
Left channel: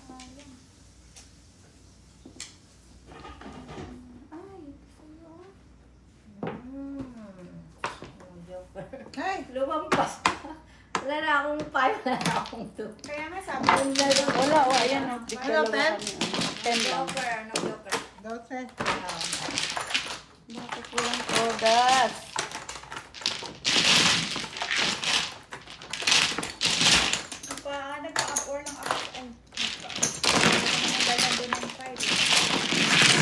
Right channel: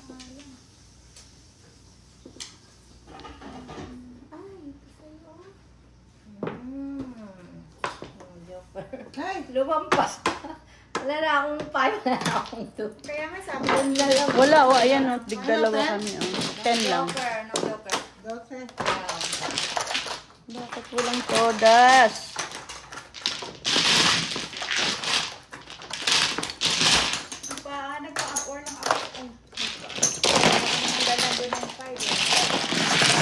Sayang. Ay, ito sa'yo. Joker. Ay, Lumampas. Wala na akong 5, wala na akong 2. Kaya nga sabi ko na lang. Wala, oh, ayan na. Bigdalawa Ano, kami. 10 lang. Joker, no joker. 12. Bakit walang todas? Nagpa-up-or lang ako. Ay, nagdala doon ng 5 eh.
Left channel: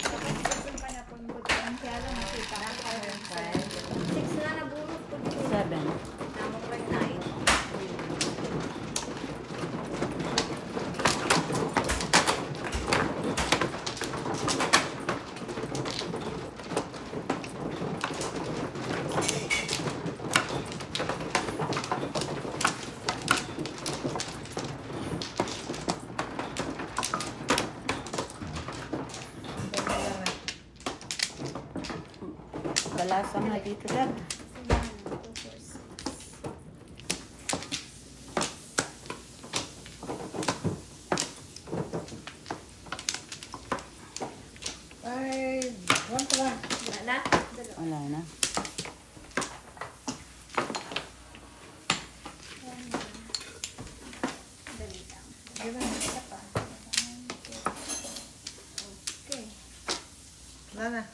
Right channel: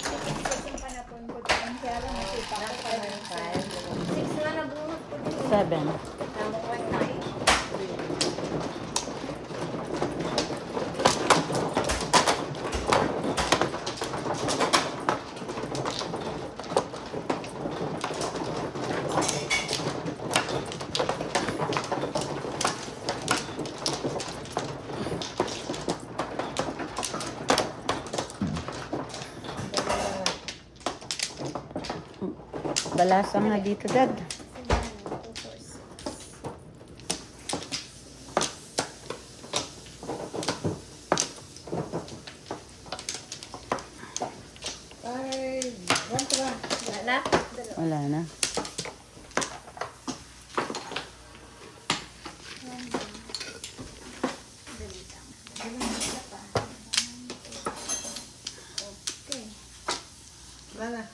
Dapat 6 yung panapon ko doon. Kaya lang nakita ko pa doon sa 6 na nabunot ko din. 7. Ano ba yung 9? Balasang na dito, Dad. 1 to 1. Wala na? Wala na. Dali lang. Dali lang isa pa. Okay. Mana?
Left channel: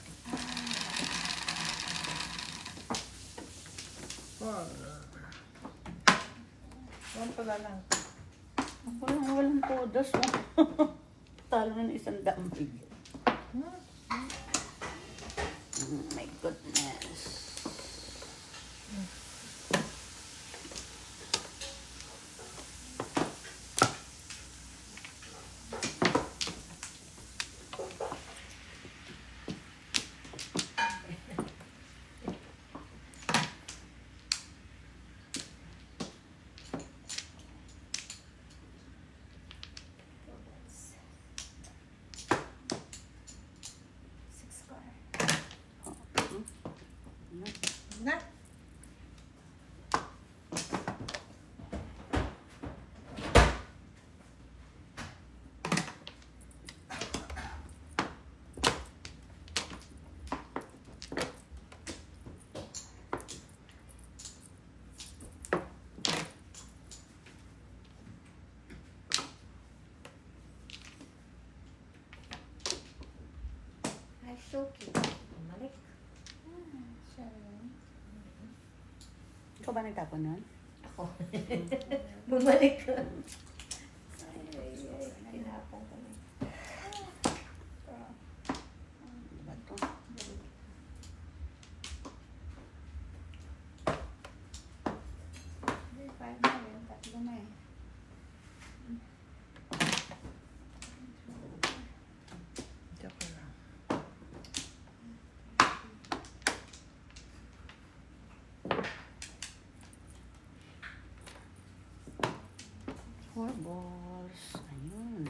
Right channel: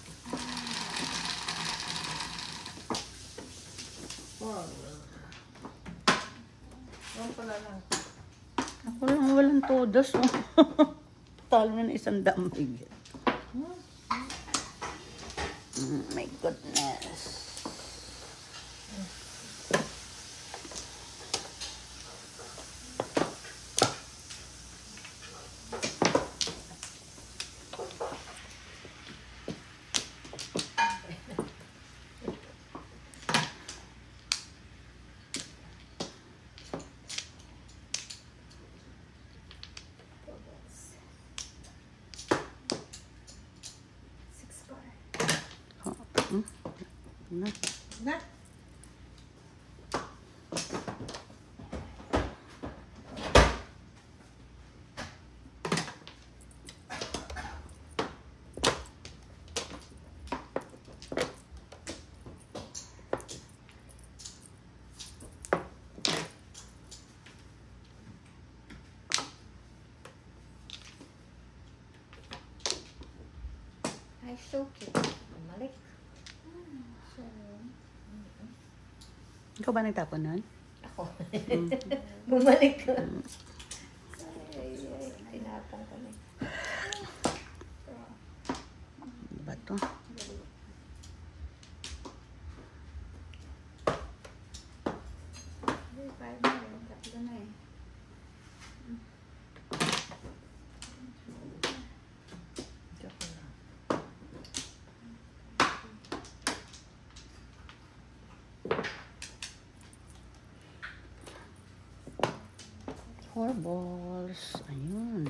1 pala lang. Walang todos. Talo na isang daang bigyan. My goodness. Na? Ay, so cute. Bumalik. Ikaw ba nagtapon nun? Ako. Bumalik ko. Ay, tinapang kami. Ano ba ito? Ay, 5 na rin. 3 na eh. Ika pa lang. Four balls. Ayun.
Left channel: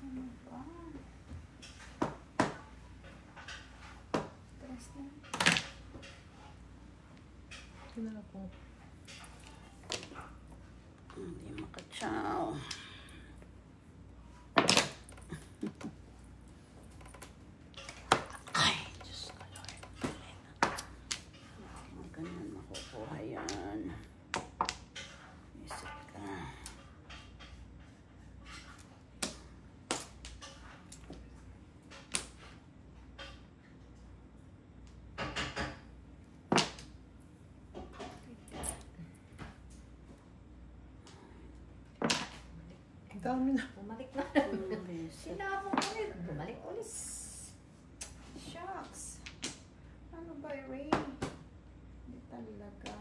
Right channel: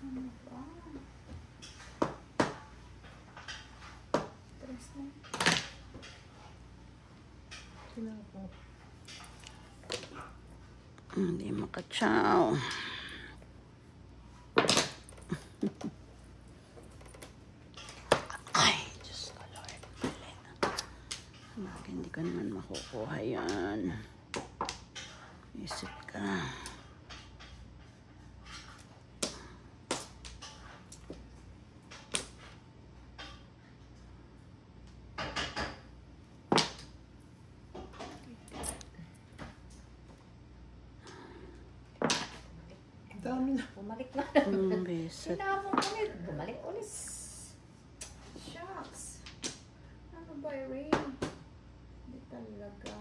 Ano ba? 3 na. Sino ako? Hindi makatsaw. Ay, Diyos ko, Lord. Bakit hindi ka naman makukuha yan? Isip ka. Ang dami na. Bumalik na. Ang beset. Tinapang ulit. Bumalik ulit. Shucks. Ano ba, Rain? Hindi talaga.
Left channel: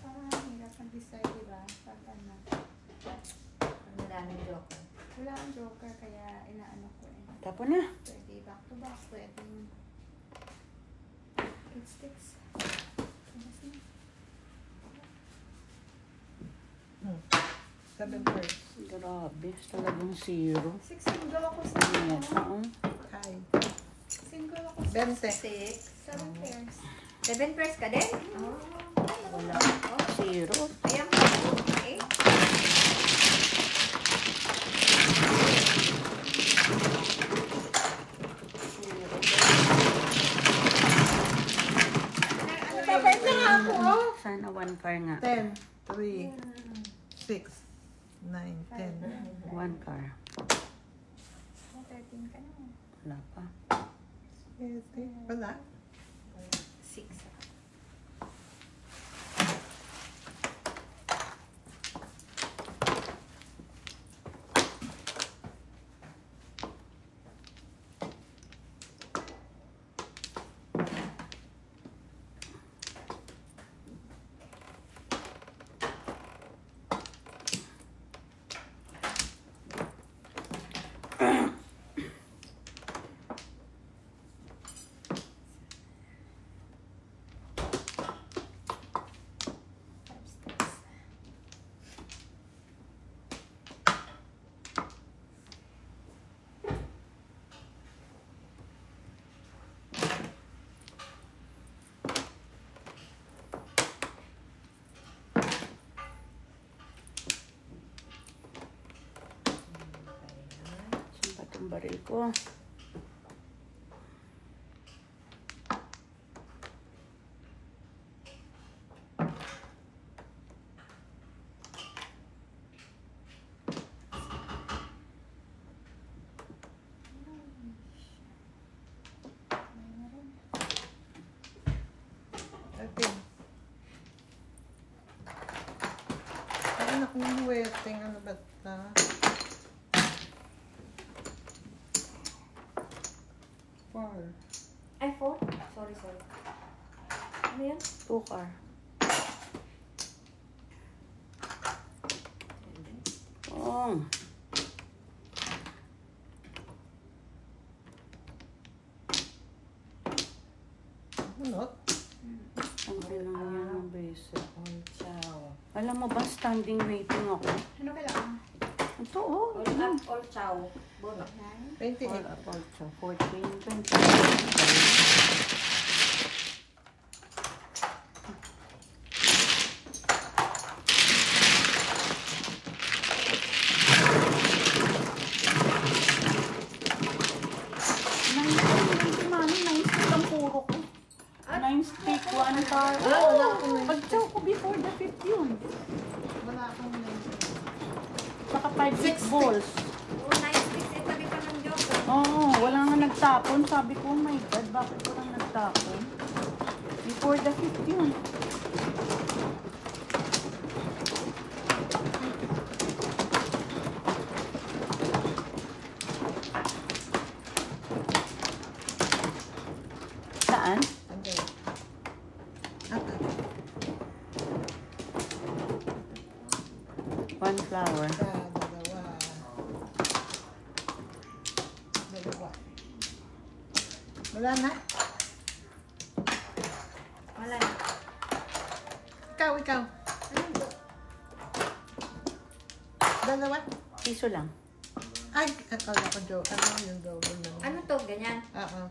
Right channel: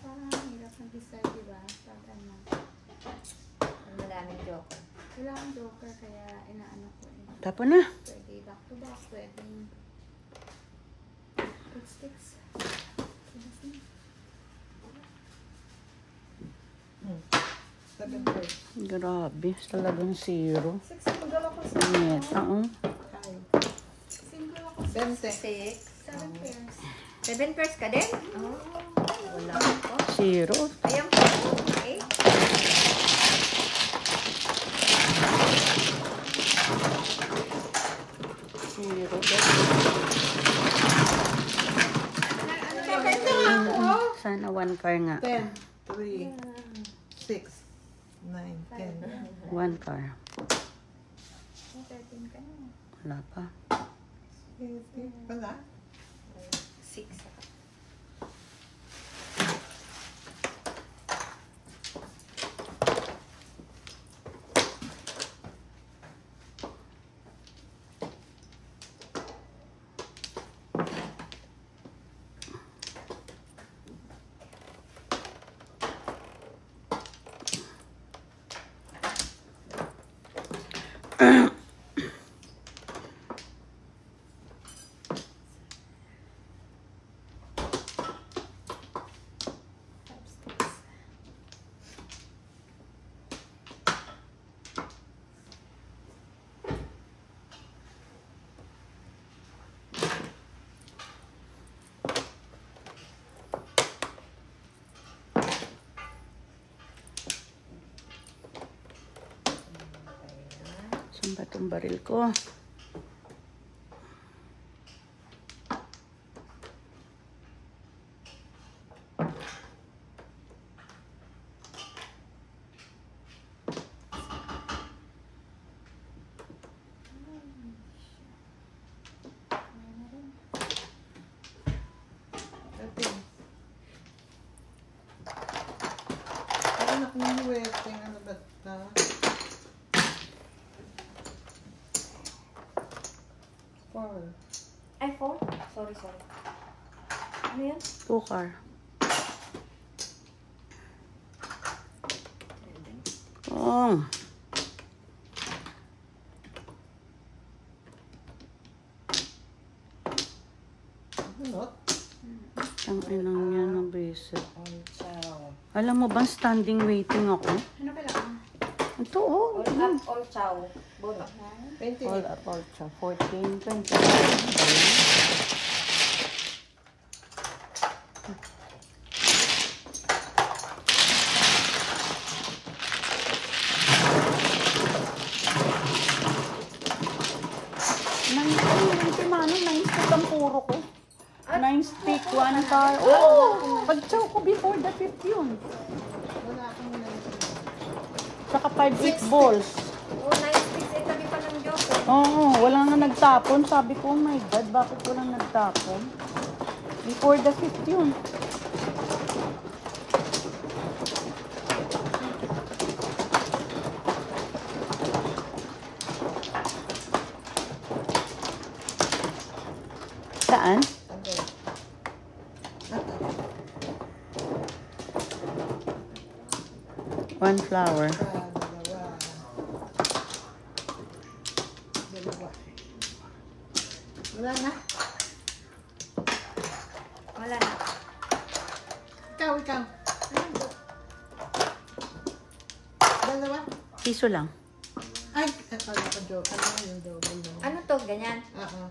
Parang hirap mag-decide, diba? Pag ano. Maraming joker. Wala ang joker, kaya inaano ko eh. Tapon na. Pwede back to back, pwede 8 sticks. Tapos na. 7 first. Grabe. Talagang zero. 6 single ako sa Yes. Kaya. Single ako sa 20. 7 pairs. 7 pairs ka din? Oo. Wala. Zero. Ayaw ko. 8. Sana one car nga. 10, 3, 6, 9, 10. One car. 13 ka na. Wala pa. Wala. 6. Saan ba itong baril ko? Ate. Parang ako nang waiting. Ano ba na? Four. Ay, 4? Sorry. Ano yan? 2 car. Oh. Ano? Ang inang yan ng basic. Chow. Alam mo ba, standing waiting ako? Ano kailangan? Ito, oh. All up, all chow. Bono. 28. 14, 20. Nine stick, 1 car. Oh, pag-chow ko before the 5 yun. Wala akong naitin. Saka 5 balls. Oh, nice mix. Eh, tabi pa ng joke. Oo, wala nga nagtapon. Sabi ko, oh my God, bakit walang nagtapon? Before the 5 yun. Saan? Okay. Okay. 1 flower. Dalawa. Wala na. Wala na. Ikaw. Dalawa. Piso lang. Ay, akala ko joke. Ano yung double lang? Ano to? Ganyan? Oo.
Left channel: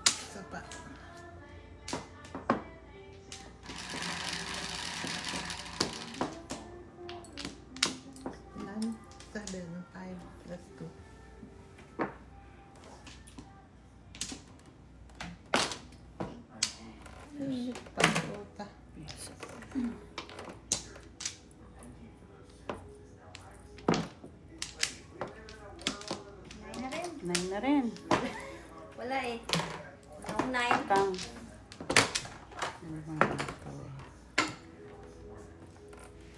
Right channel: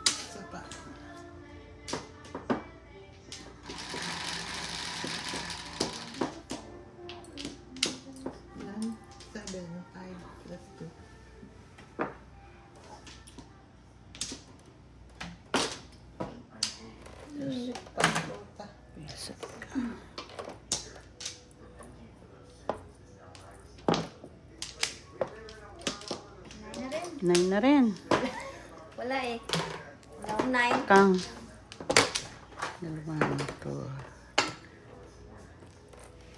Isa pa. 1, 7, 5, plus 2. Puta. 9 na rin. Wala eh. No, 9. Kang. 2.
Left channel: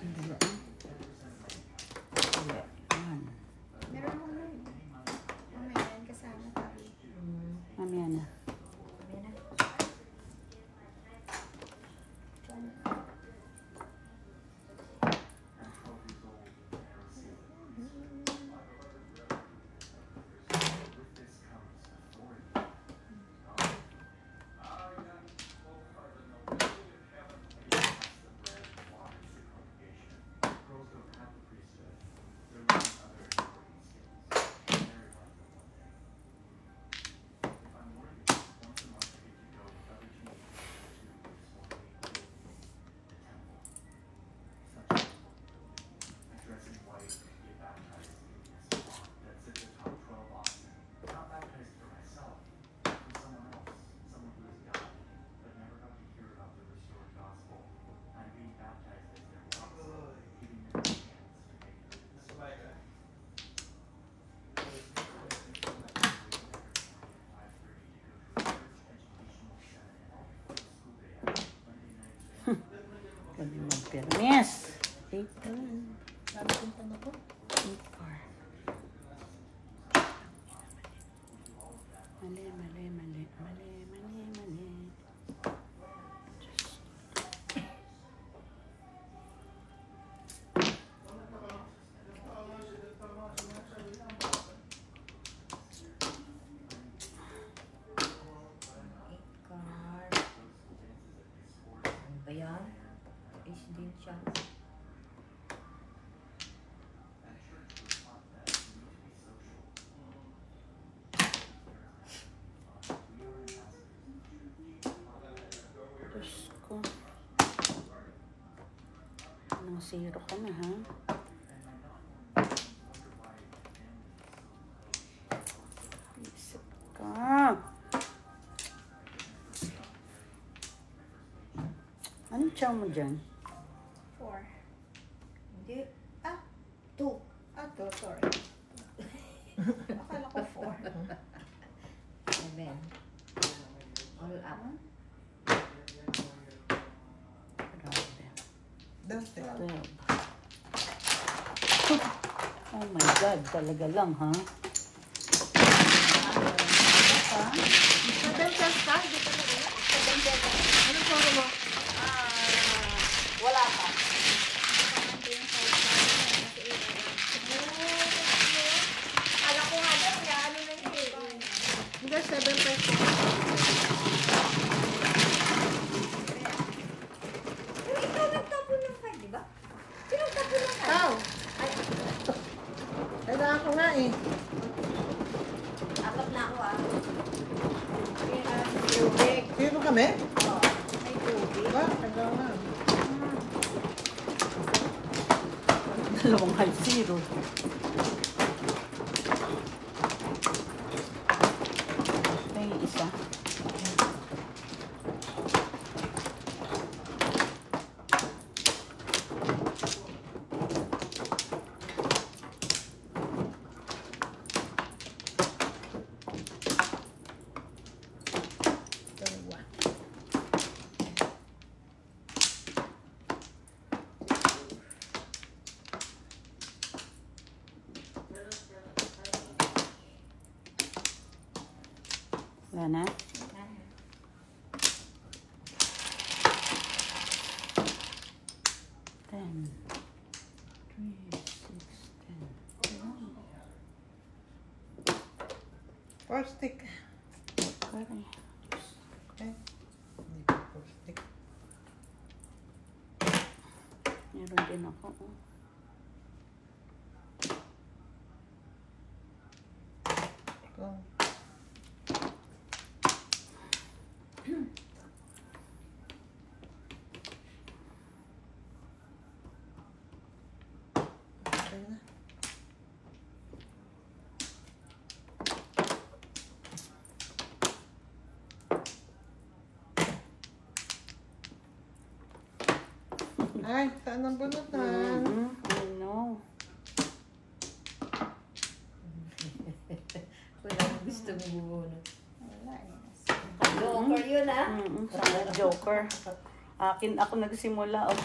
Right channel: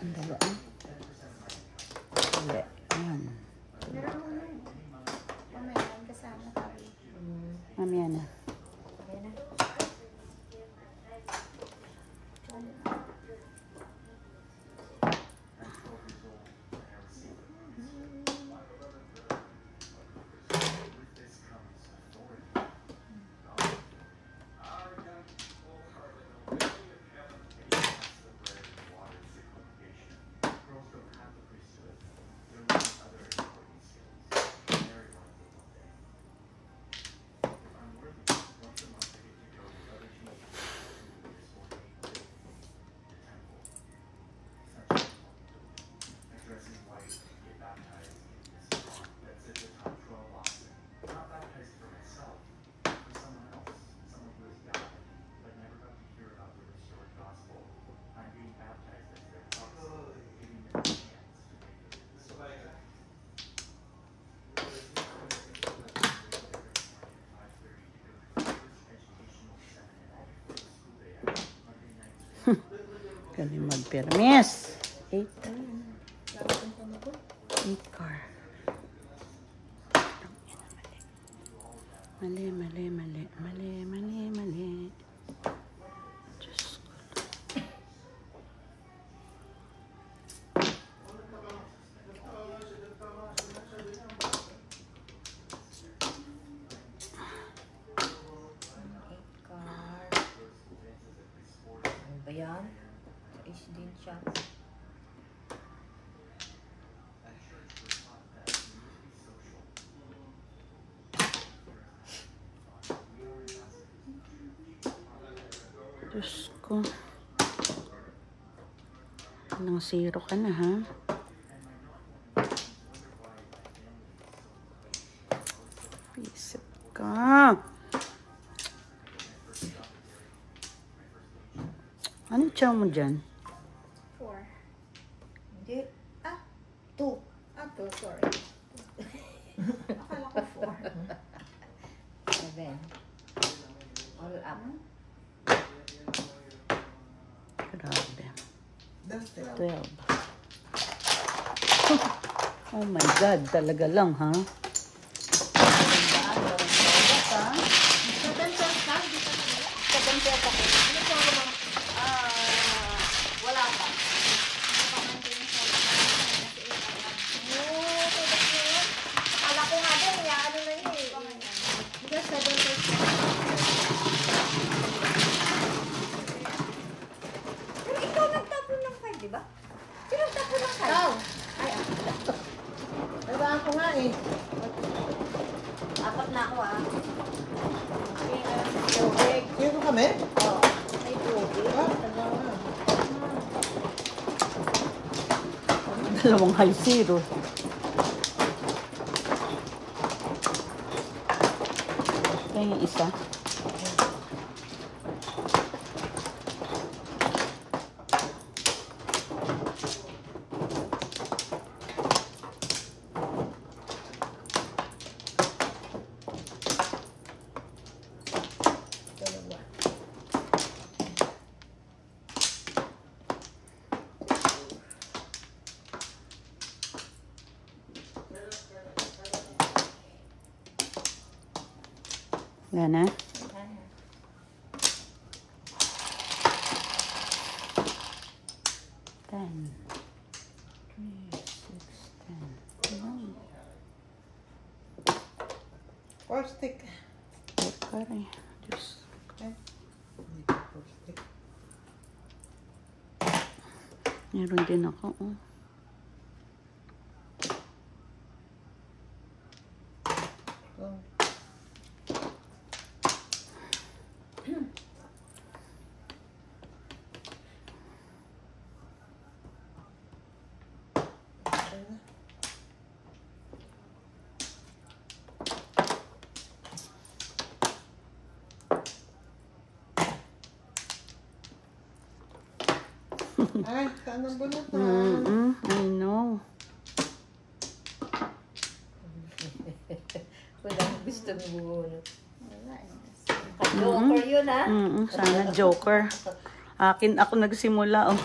Ang dalaan. Hindi. 1. Meron mo nun. Mamaya yan kasama tayo. Mamaya na. Sabi na. Kami mag-permis. 8 car. Mali. Diyos ko. siya. Diyos ko. Nang zero ka na, ha? Pisip ka. Ano tiyaw mo dyan? 4. Hindi. 2. Sorry. Akala ko 4. 7. All up. Grabe. Dati. 12. Oh my God, talaga lang, ha? Seven plus ka? Hindi ka na. Ano ko mo? Wala pa. Pamanto yung size na yun. Kasi akala ko nga din, ano na yun eh. Hindi, seven plus. Pero ikaw nagtapon ng 5, di ba? Sino nagtapon ng 5? Ikaw! Kailangan ko nga eh. 4 na ako Tubig. Sino kami? May tubig. Tagal na. Dalawang high zero. Ito yung isa. Wala na? Ten. 4 stick. Pare. Diyos. Hindi pa 4 stick. Meron din ako. Oh. Lang. Ay, saan ang bunot na? I know. Walang gusto mo bubunot. Wala eh. Joker yun, ha? Sana joker. Akin ako nagsimula. Oh.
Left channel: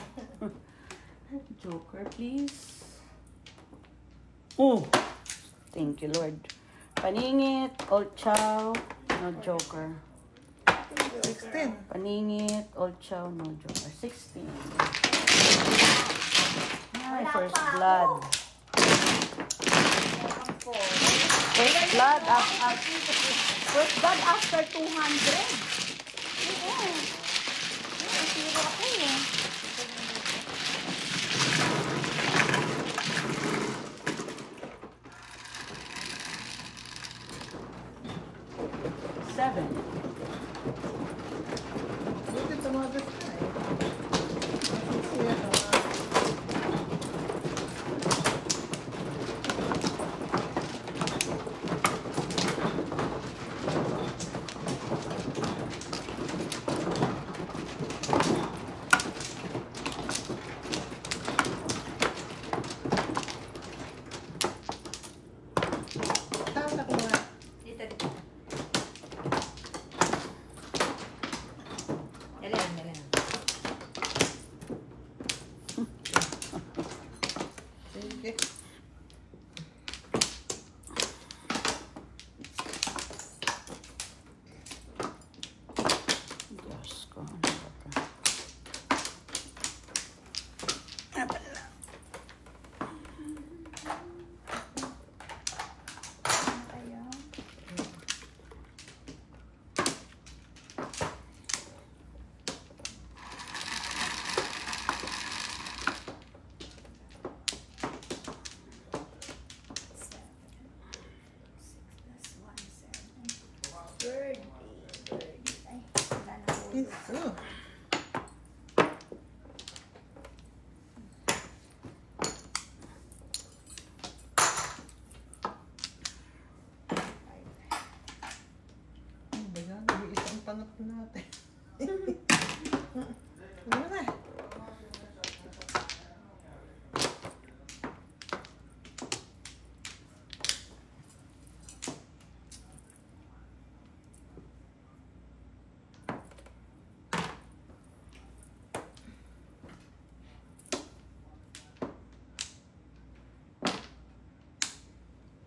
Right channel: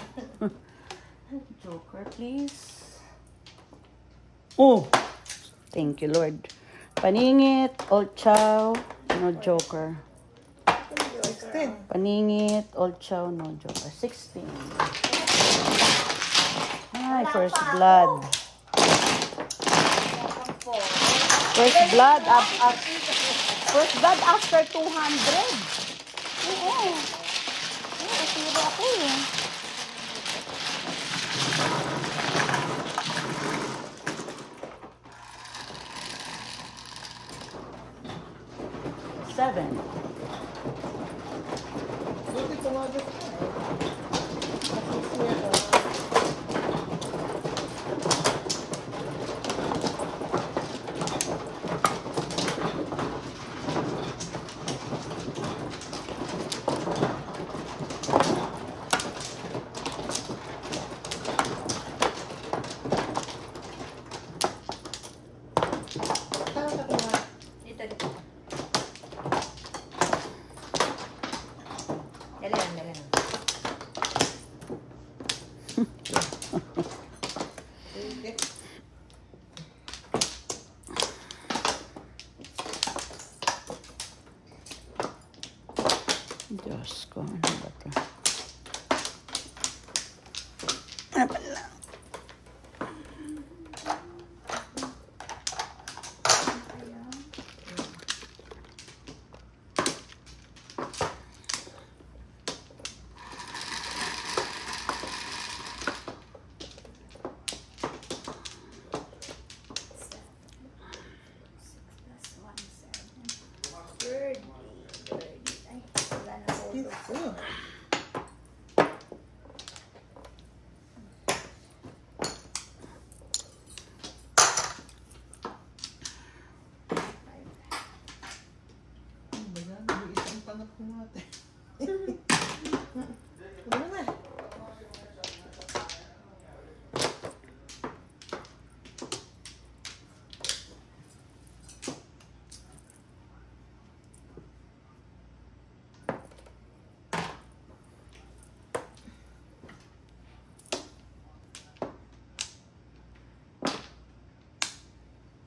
Joker, please. Oh! Thank you, Lord. Paningit, old chow, no joker. 16. Paningit, old chow, no joker. 16. Ay, first blood. First blood, first blood after 200. Seven. Buti tumabot ka eh. Tama ka na. Dito, dito. Dali lang, dali lang. Isang pangat natin. Ano na?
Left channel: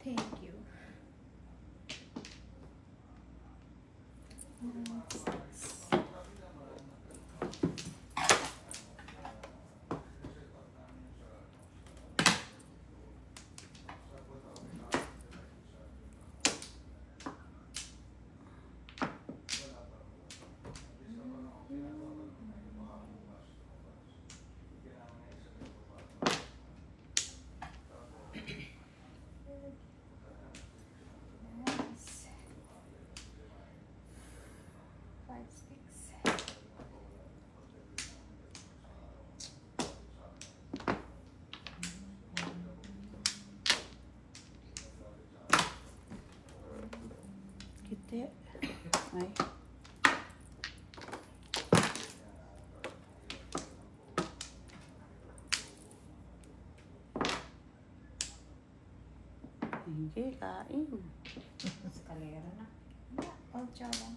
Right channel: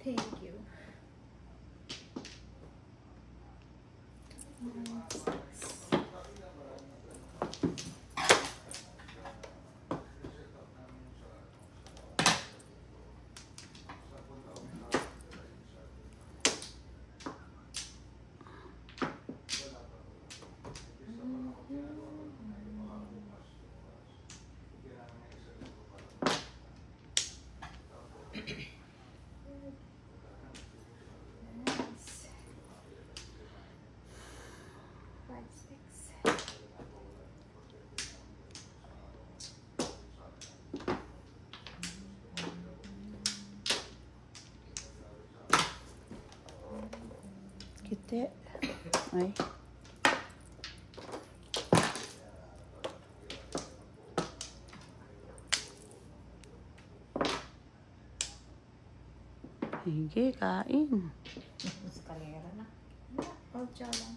Thank you. Nice. 5, 6. Kiti. Ay. Sige, kain. Eskalera na. Oh, tiyan lang.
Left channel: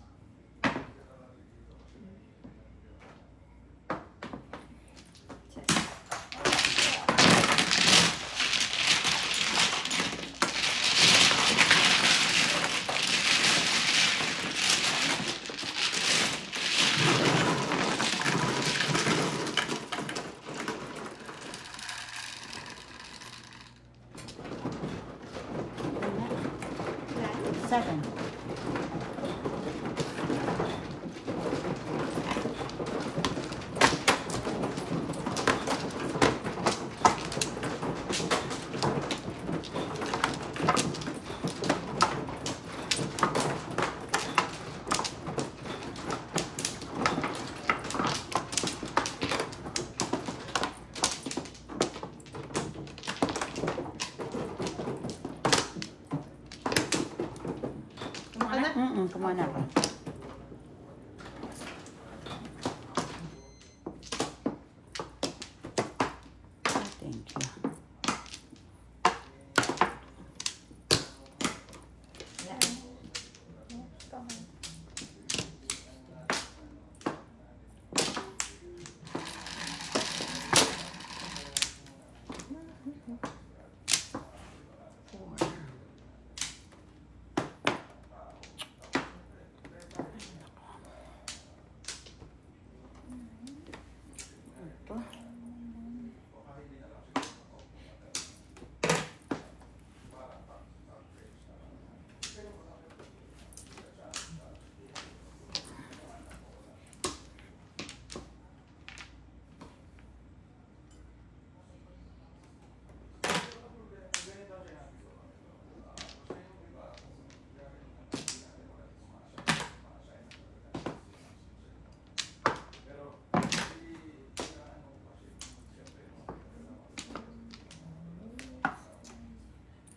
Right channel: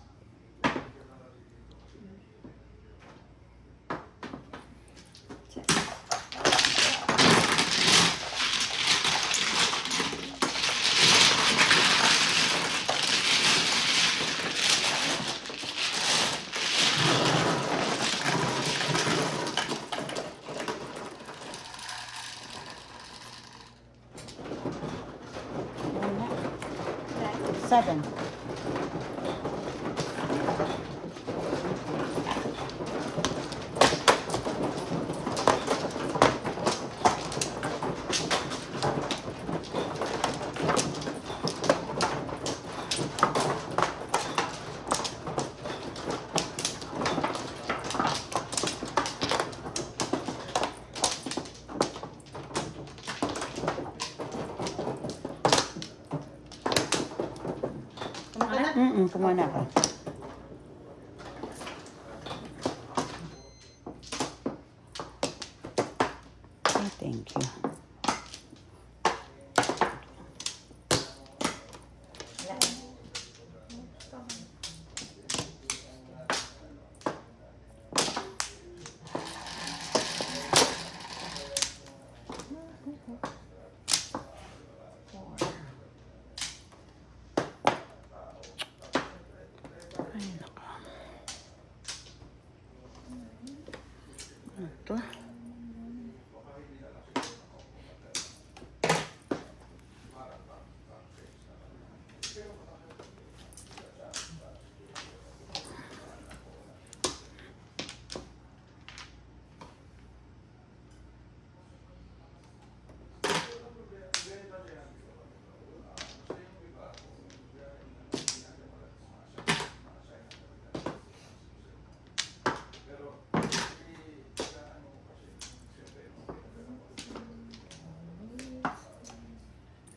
Seven. Kumana ka. Thank you. Ito.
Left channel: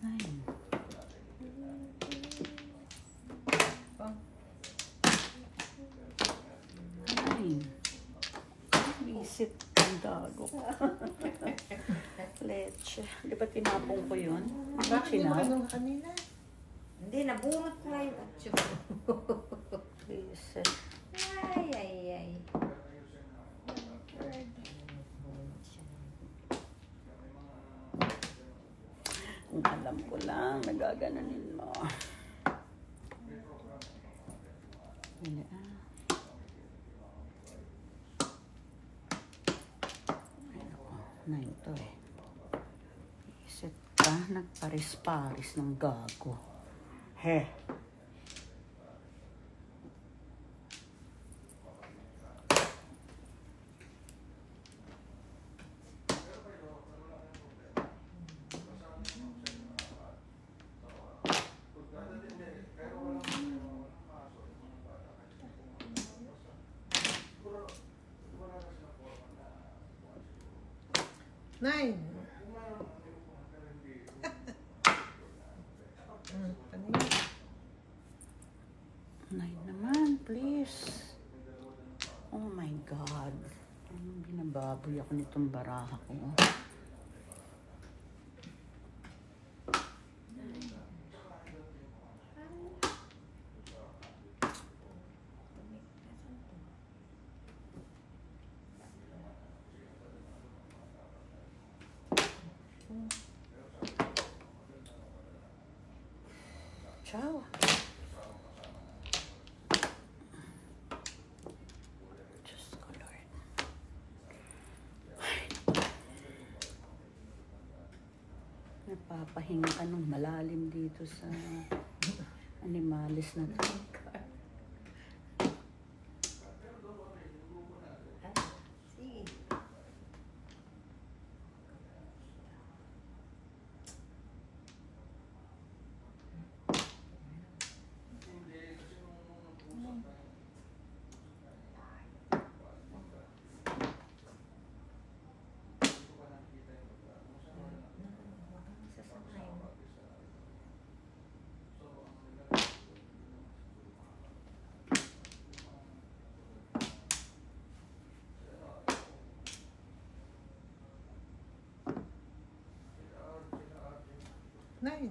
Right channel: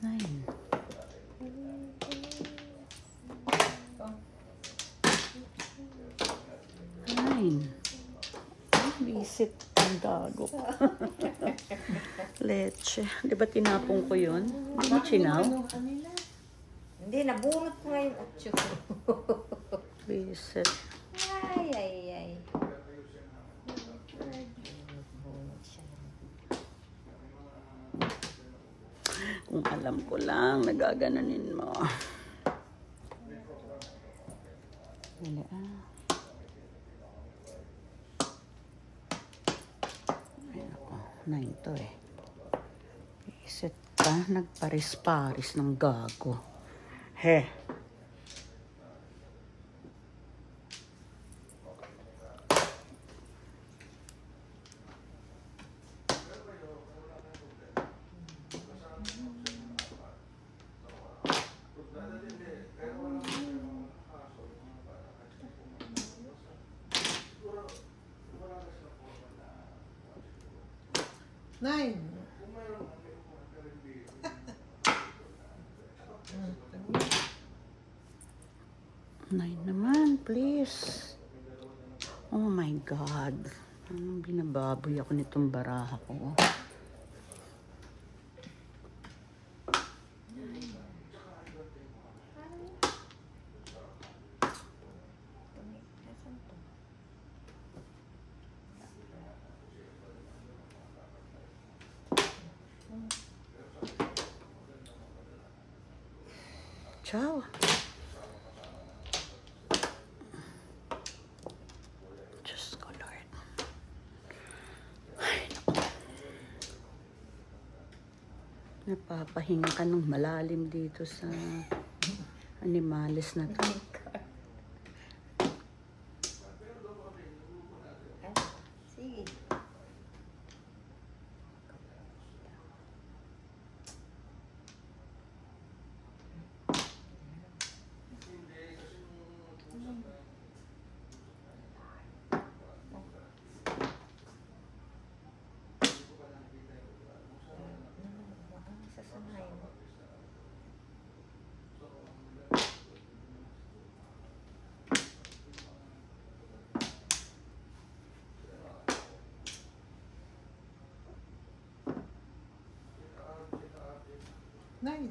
Nine. Nine. Visit ang gago. Leche. Di ba tinapong ko yun? Ano chinaw? Hindi, nabunot ko ngayon. Visit. Ay, ay, ay. Kung alam ko lang, nagagananin mo. Yeah. Ayun ako. 9 to eh. Isit ka, nagparis-paris ng gago. He. 9. Nine naman, please. Oh my God. Binababoy ako nitong baraha ko. Ciao. Diyos ko, Lord. Ay, napapahinga ka ng malalim dito sa animalis na to. Sige. Nine.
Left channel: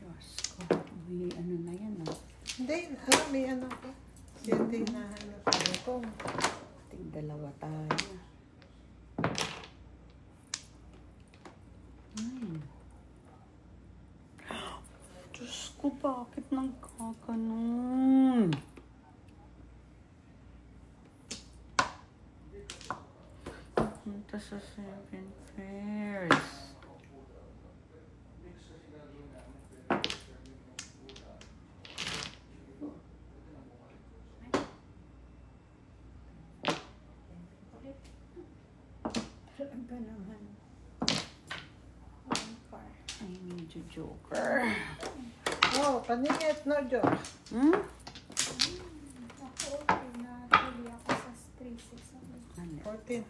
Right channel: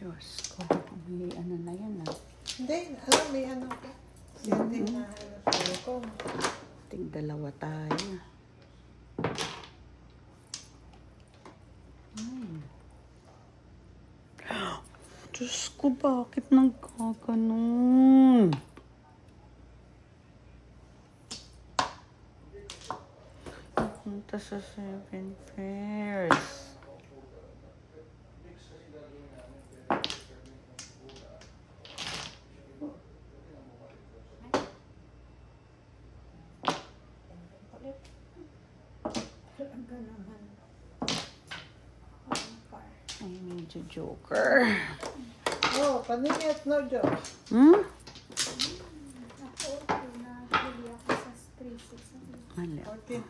Diyos ko, may ano na yan ah. Hindi, may ano ka. Siyempre na hanap ko. Tig dalawa tayo. Diyos ko, bakit nagkaganon? Punta sa 7 pairs. Talaga naman. One car. I need a joker. Oh, kanina no joke. Hmm? Ako, okay na. Huli ako sa 3-6. Mali. 14.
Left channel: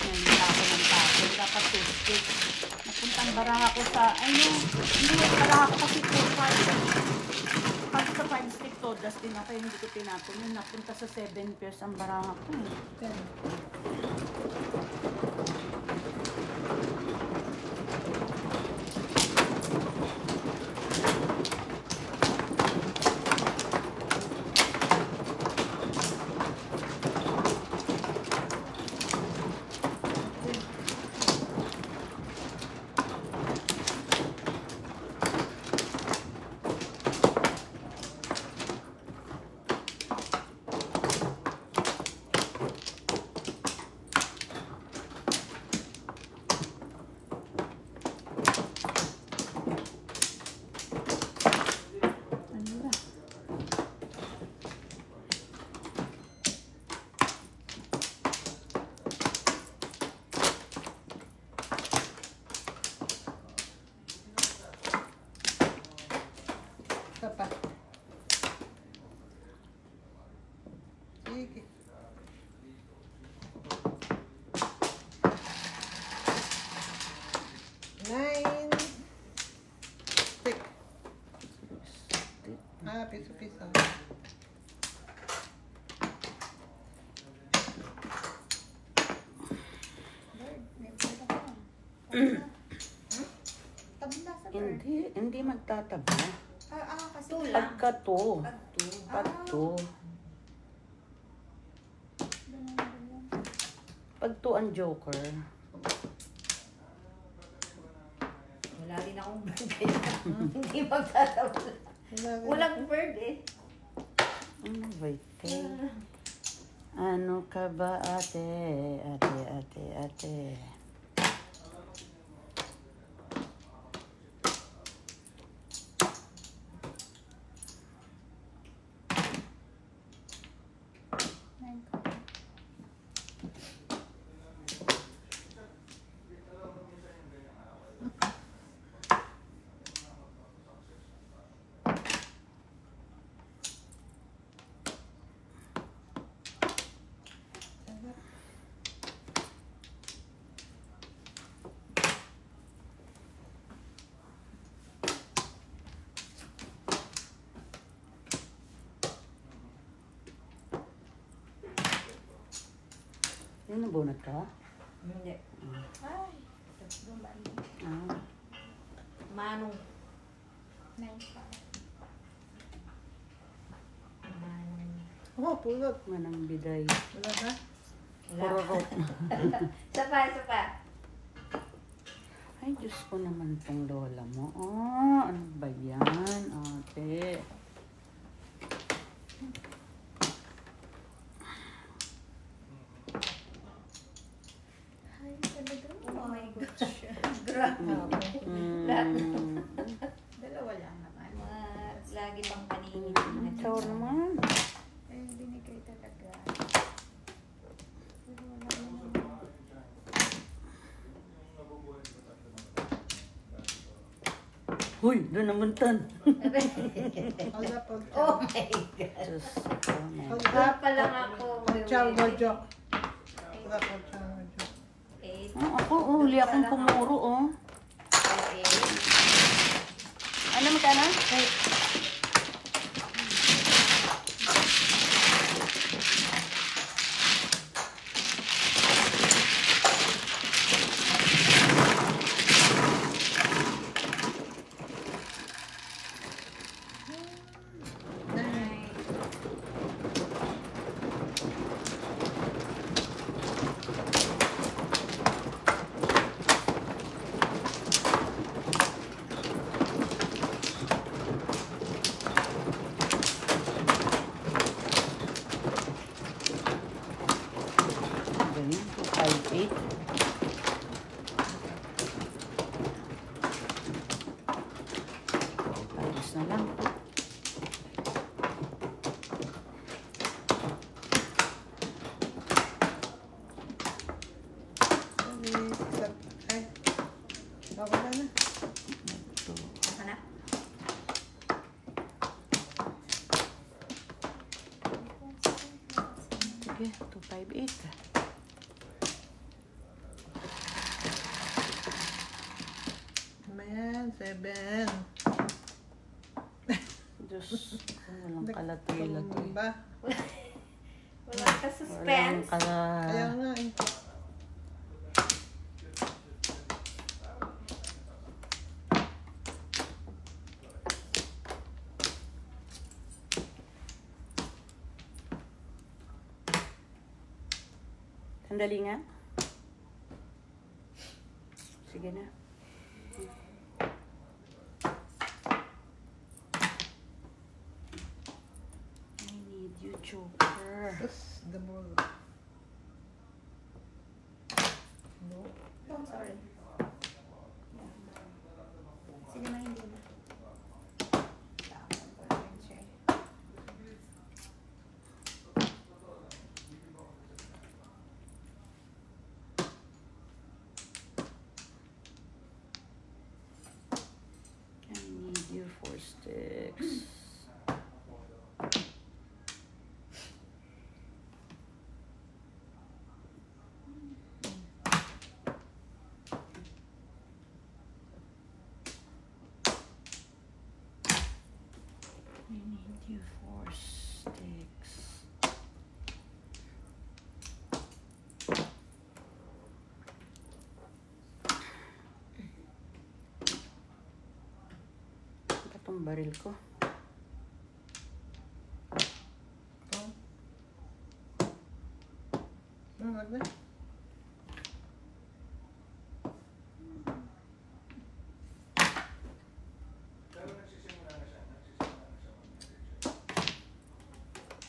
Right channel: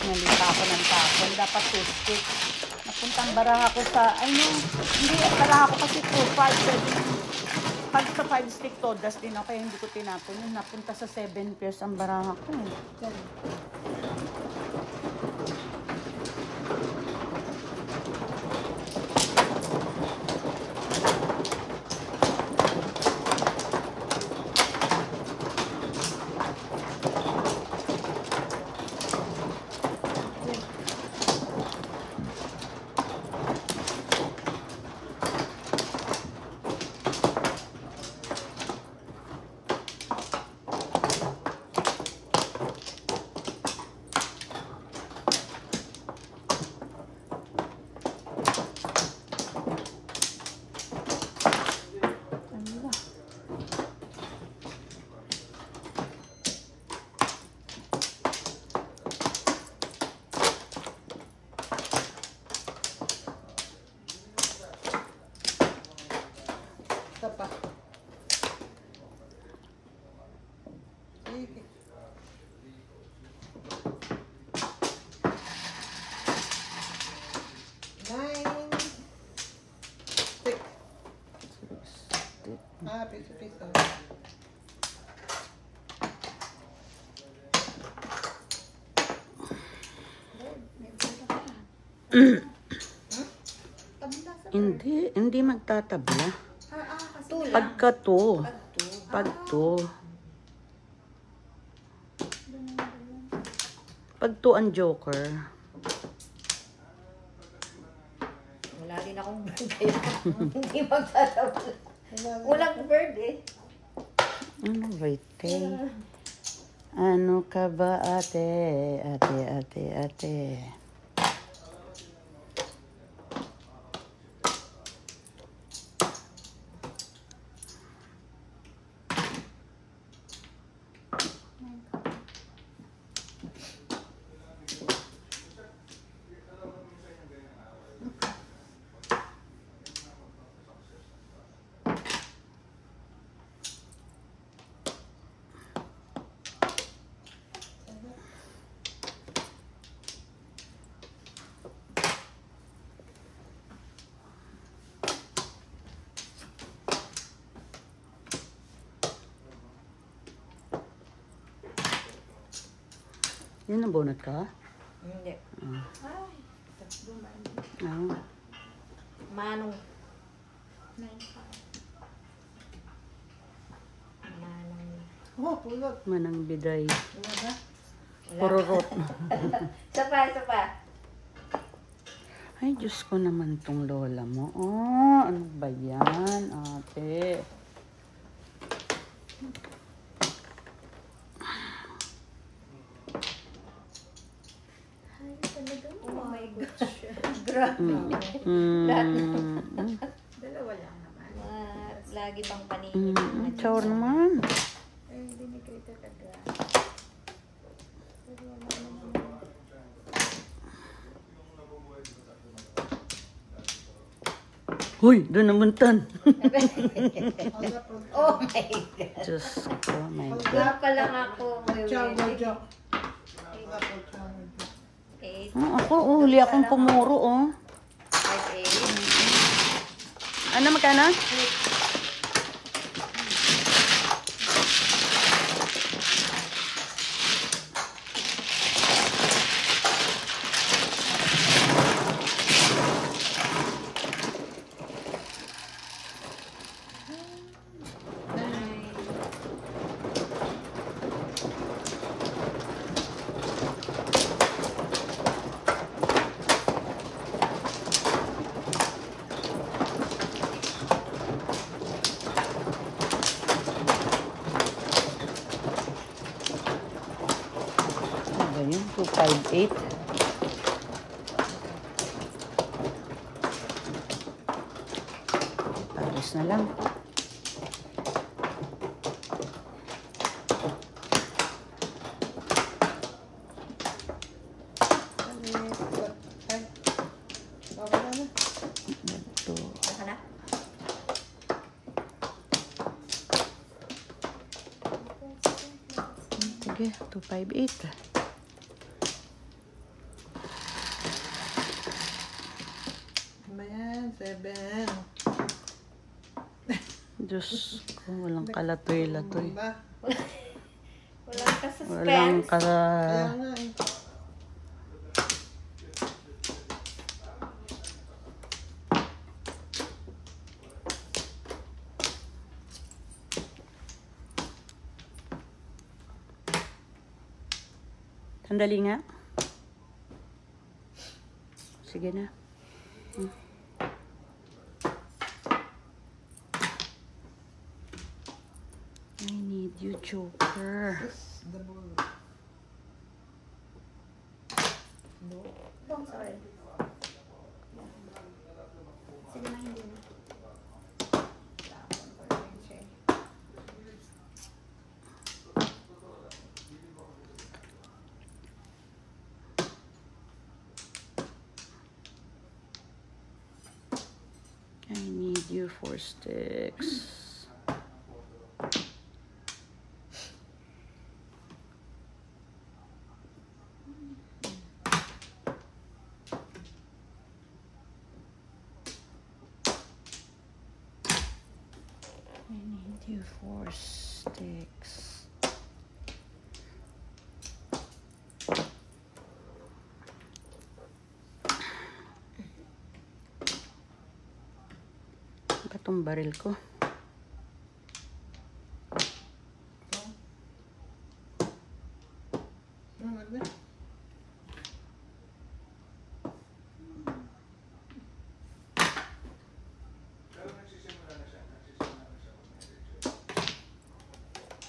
Nalita ako ng tapon. Dapat 50. Napuntang baraha ko sa, hindi na baraha ko kasi 4-5. Pag sa 5 stick todas din na kaya hindi ko tinapon. Yung napunta sa 7 pairs ang baraha ko. Isa pa. Sige. Nine. Six. Piso-piso. May pala ka. Tabla sa bird. Hindi magtatabla. Kasi Pagka to. Pag to. Pag to ang joker. Wala din akong bird eh. Hindi magtatabla. Walang bird eh. Wait, ano ka ba ate? Ate. Yun ang bunot ka? Hindi. Ay, duman. Ah. Manong. 9 pa. Manong. Oh, pulot. Manang biday. Wala na? Pururot. Isa pa, isa pa. Ay, Diyos ko naman tong lola mo. Oh, ano ba yan, ate? Ay, talaga. Oh my gosh. Grabe. Dalawa lang naman. Lagi pang paningin. Chow naman. Ay, binigay talaga. Pero wala naman. Huy, doon namuntan. Wala pa. Oh my God. Diyos ko, my God. Wala pa lang ako. Chow Bojo. 8, Ako, huli akong pumuro, oh. 8. Ano, magkano? Ganyan, 258. Tapos na lang. Ay, wala na. Baka na? Sige, 258. Ayan, 7. Diyos ko, walang kalatoy-latoy. Ba? Wala ka Walang suspense. Kaya nga eh. Sandali nga. Sige na. I need you, Joker. Yes, the more. Oh, sorry. Sige na, hindi na. Tapon ko na yung chair. I need you 4 sticks. I need you 4 sticks. Ba itong baril ko? Wala na.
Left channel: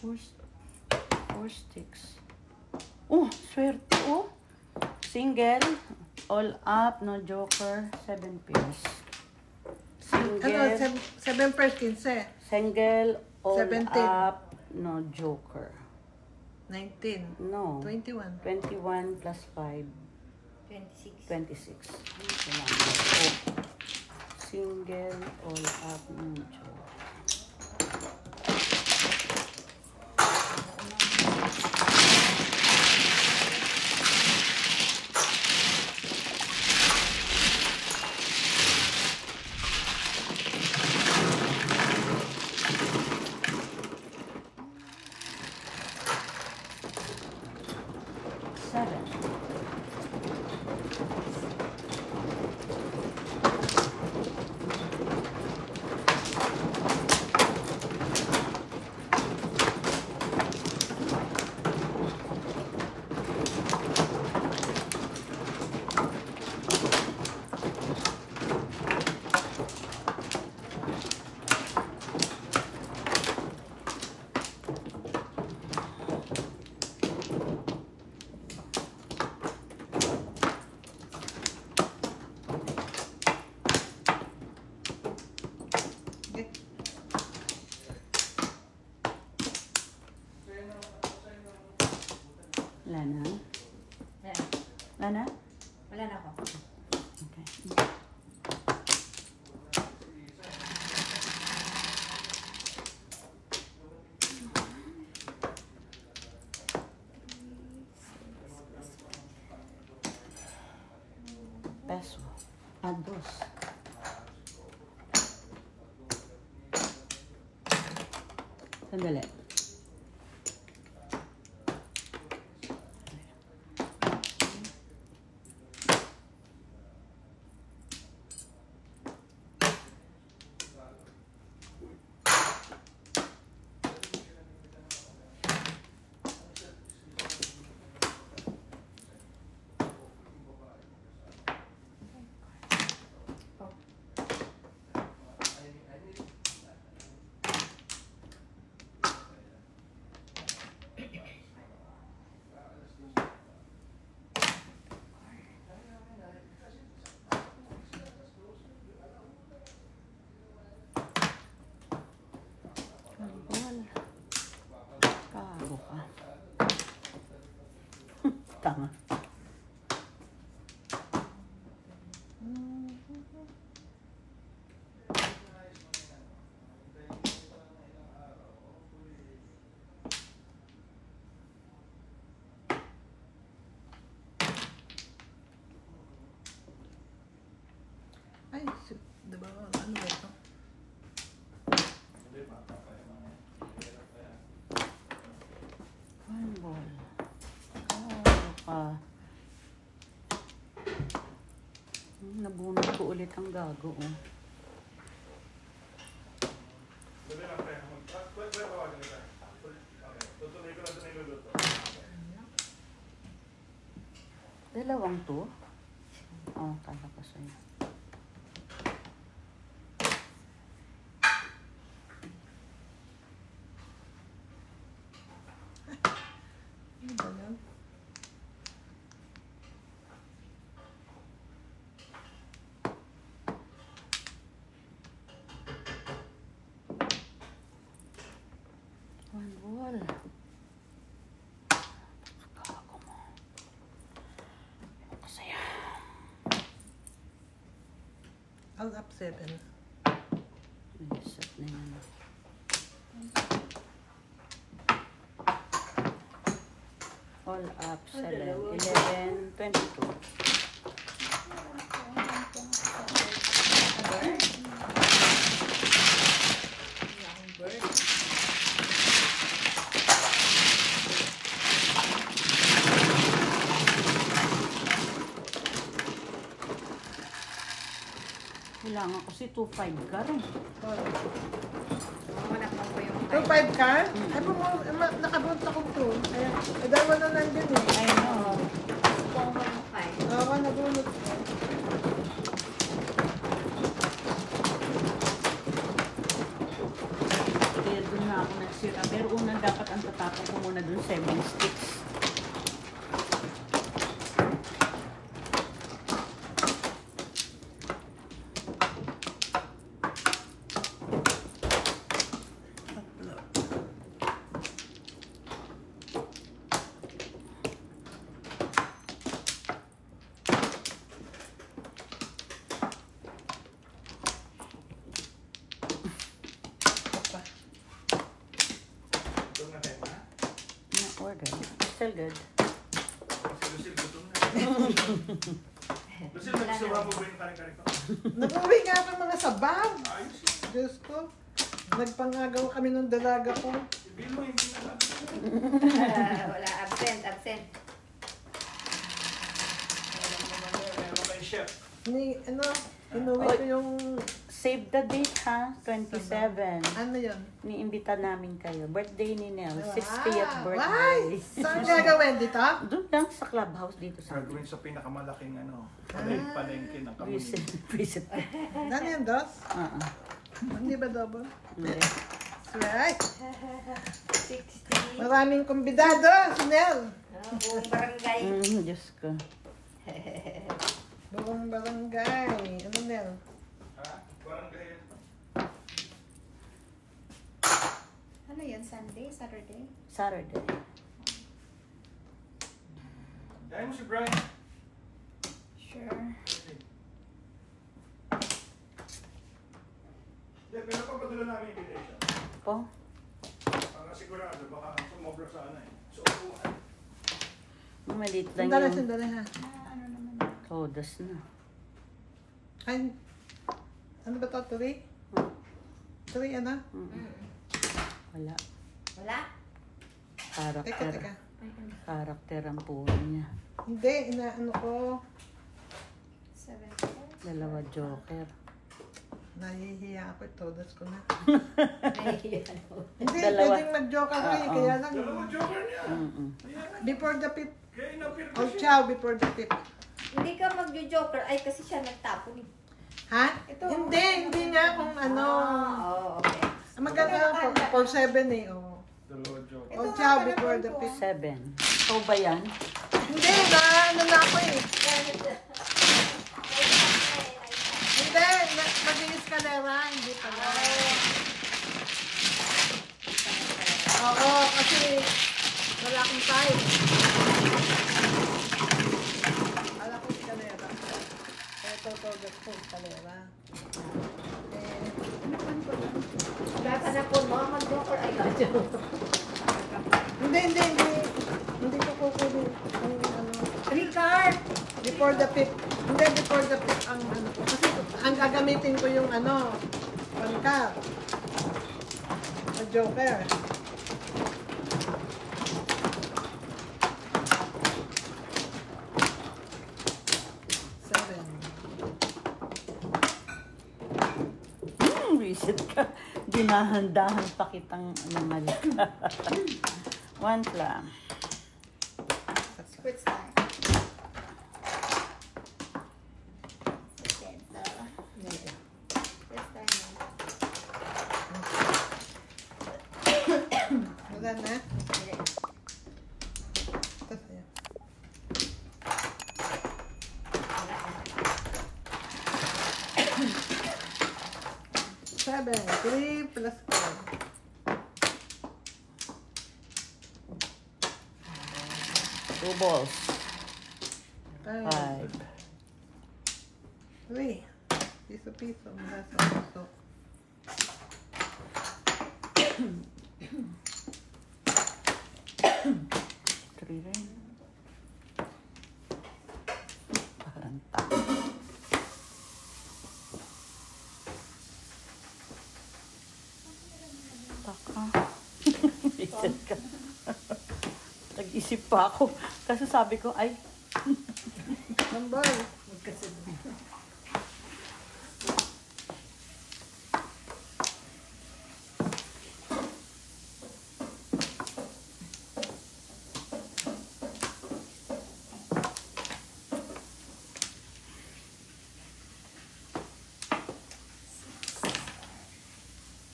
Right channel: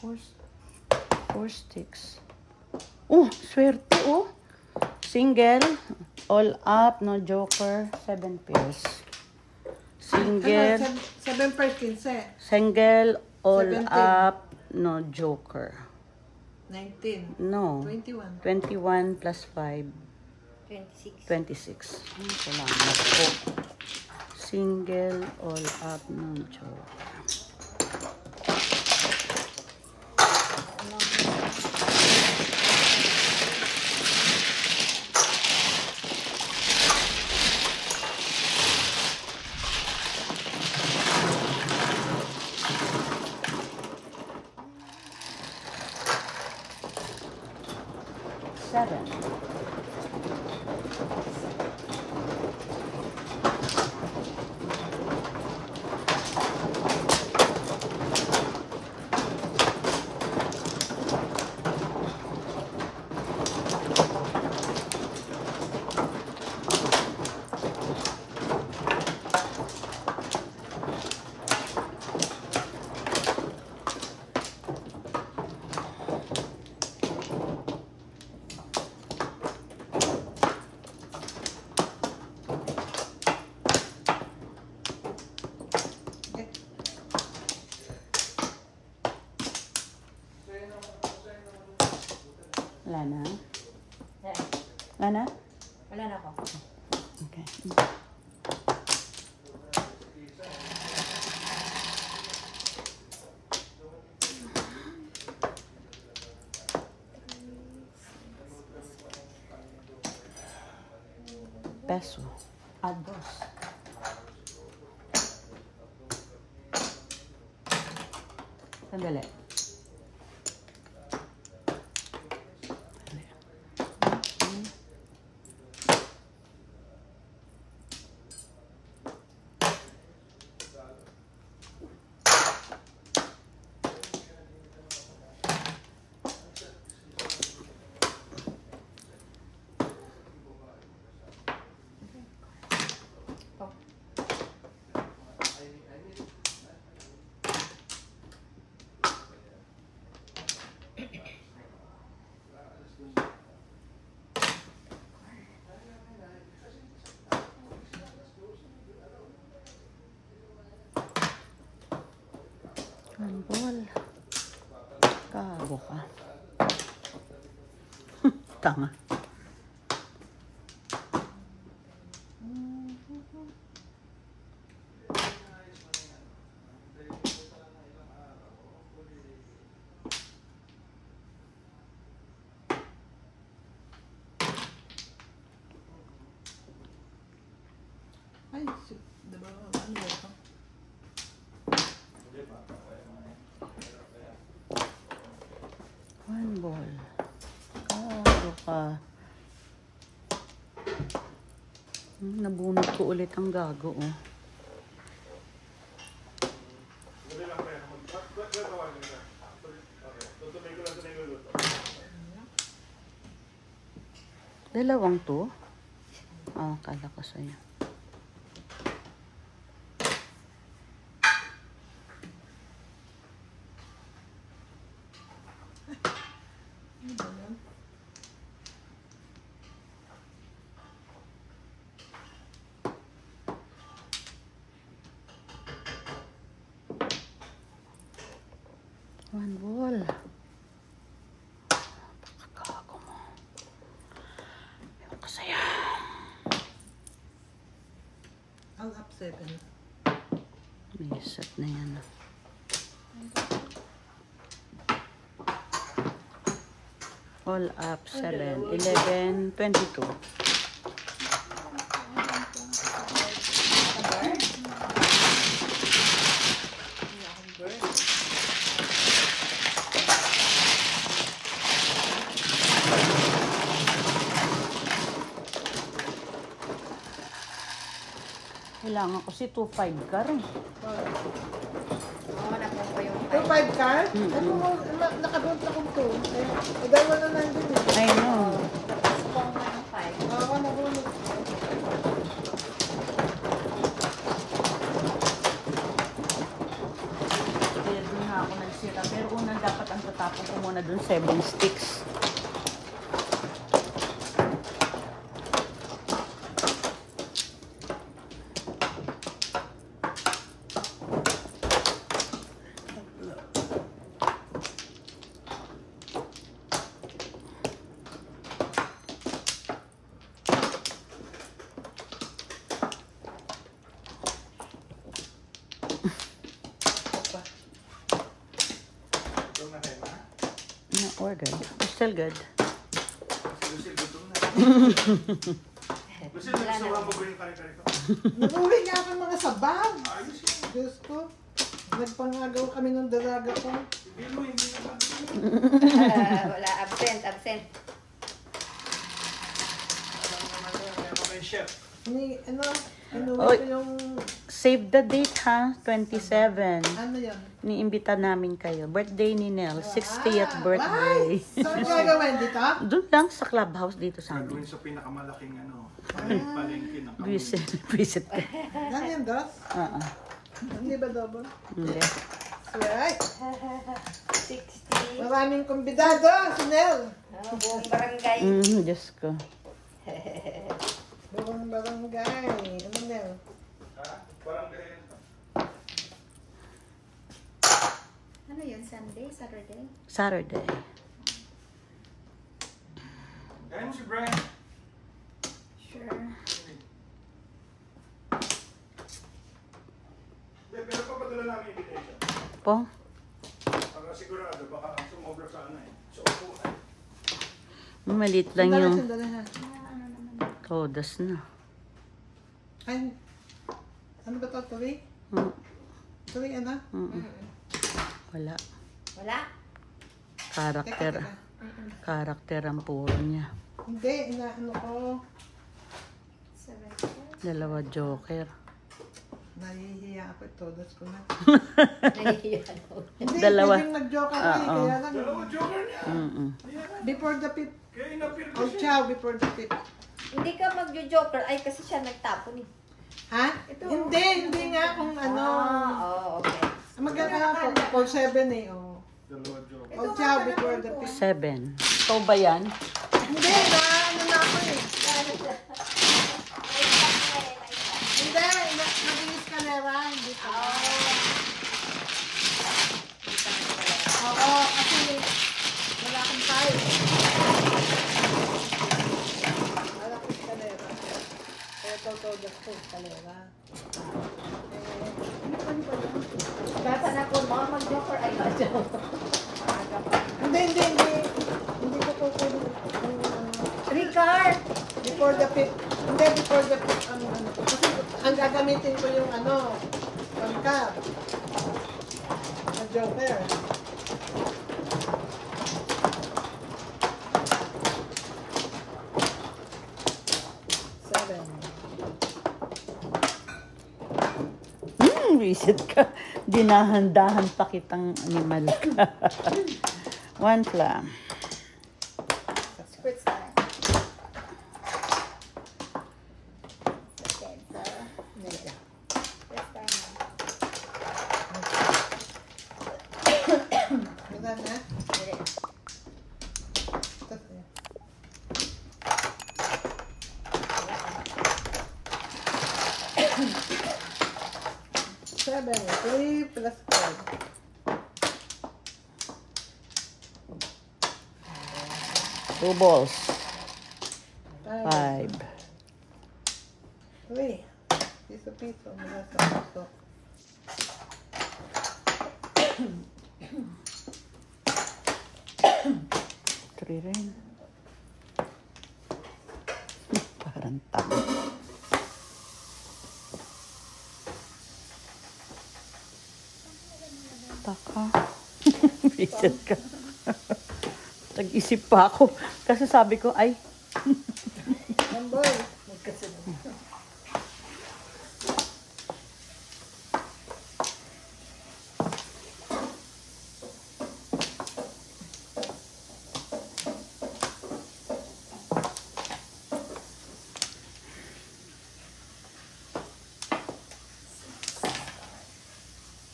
Four sticks. Oh, swerte. Oh. Single. All up. No joker. 7 pairs. Single. Ano, 7 per 15. Single. All 17. up. No joker. 19. No. 21. 21 plus 5. 26. 26. Kailangan. Single. All up. No joker. Seven. Ano? Wala na ako. Okay. Peso. Add boss. Sandali. Handball. Kago ka. Tama. Ay, diba? Ano ito? Handball. Kago ka. Nabunod ko ulit ang gago. Oh. Wala lang tayo. Pwede tawagin nila. Okay. Tutuloy ko lang sa niluluto. Dalawang to? Ah, kala ko sa'yo. Handball. Kakago mo. Ewan ko sa'yo. All up 7. May set na yan. All up 7, 11, 22. Kailangan kasi 2.5 ka rin. Wala ko pa yung 2.5 card? Eh, kung nakabunta ko ito. Dalawa na nandito. Ayun mo. 415. Ako nabunot. Kaya doon na ako nagsira. Pero unang dapat ang tatapon ko muna doon 7 sticks. Ito na kayo na. We're good. Still good. Lucille, gutom na. Lucille, nagsawa mo ba yung kare-kare ko? Nag-uwi nga ako mga sabaw. Ayos yun. Diyos ko. Nagpangagaw kami ng dalaga ko. Hindi mo, hindi na lang. Wala, absent, absent. Alam mo naman doon, ano ba yung chef? Ni, ano, Oy. ko yung, Save the date ha. 27. ano yun? Niimbita namin kayo. Birthday ni Nel. 60th Ay, birthday. saan gagawin dito? Doon lang sa clubhouse dito sa amin. Gagawin sa pinakamalaking palengke ng kami. Visit ka. Ano yan, Dos? Oo. Hindi ba dobo? Hindi. Right. 60. Maraming kumbidado, si Nel. Buong barangay. Diyos ko. Buong barangay. Ano Nel? Ha? Parang gaya ito. Ano yan? Sunday? Saturday? Saturday. Kaya mo si Brian. Magkano ibigay siya? Po? Para sigurado, baka ang sumobra sa ano eh. Sa upuan. Maliit lang Sandali, yung sandali ha. todas na. Ay, ano ba ito? 3? Mm. 3 ano? Wala. Wala? Teka, Karakter. teka. Karakter ang puro niya. Hindi, ano ko. 7. 2 joker. Nahihiya ako. Todos ko na. Nahihiyan ko. Hindi, Dalawa. pwedeng mag-joke ako eh. Oo. Kaya lang. Dalawa joker niya. Before the fifth. Kaya inapir ko Oh, siya. ciao, before the fifth. Hindi ka magjo-joker. Ay, kasi siya nagtapon eh. Ha? Hindi nga kung ano. Oo, okay. Maganda ako. 7 eh. Oh. Dalawa joker. Oh, ciao, before the fifth. 7. Ito ba yan? Hindi, ano na ako eh. Hindi, mabilis ka lera. Hindi pa. Oo, kasi wala akong time. Wala akong kalera. Ito, kalera. Dapat na po mga mag-joker. Ay, joker. Hindi ko kukunin. Ricard! Before the fifth. Hindi, before the fifth ang ano. Kasi ang gagamitin ko yung ano, pangka. Sa joker. Visit ka. Dinahandahan pa kitang animal ka. 1 plan. Squid time. Squid time. Wala na? Tapos yan. Seven, 3 plus 5. Two balls. 5. 5. 3. Piso-piso. Mula sa puso. Three rin. Parang tao. Taka. Visit ka. Nag-isip pa ako. Kasi sabi ko, ay, Number.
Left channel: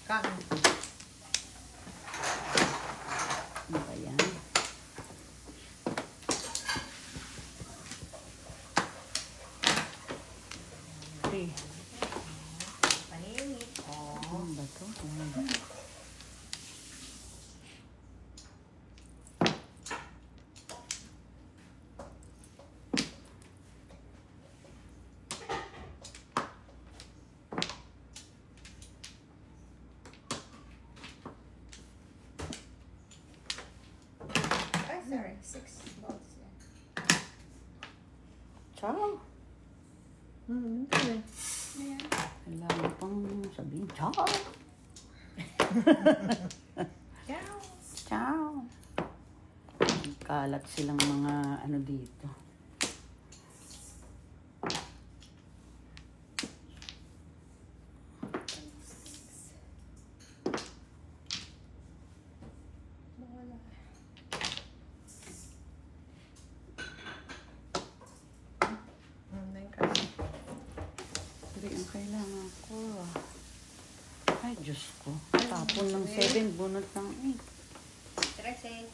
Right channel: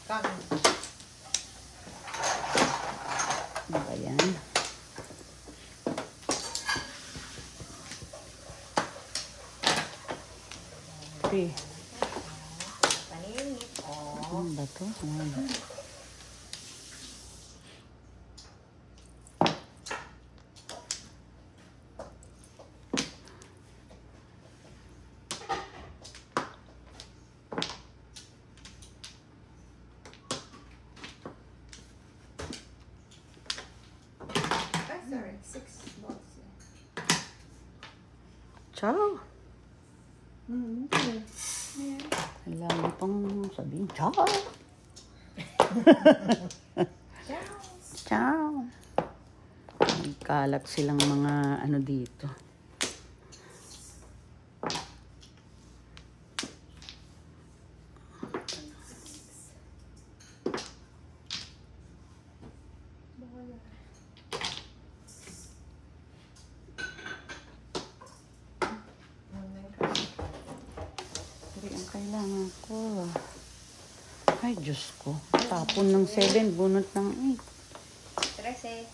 Kang. ano ba yan? Three. Paningit. Ano ba to? Yan. Ay, sorry. 6 balls. Ciao. Okay. Kailangan pang sabihin, ciao. Ciao. Kalat silang mga ano dito. Pero ang kailangan ko. Ay, Diyos ko. Tapon ng 7, bunot ng 13.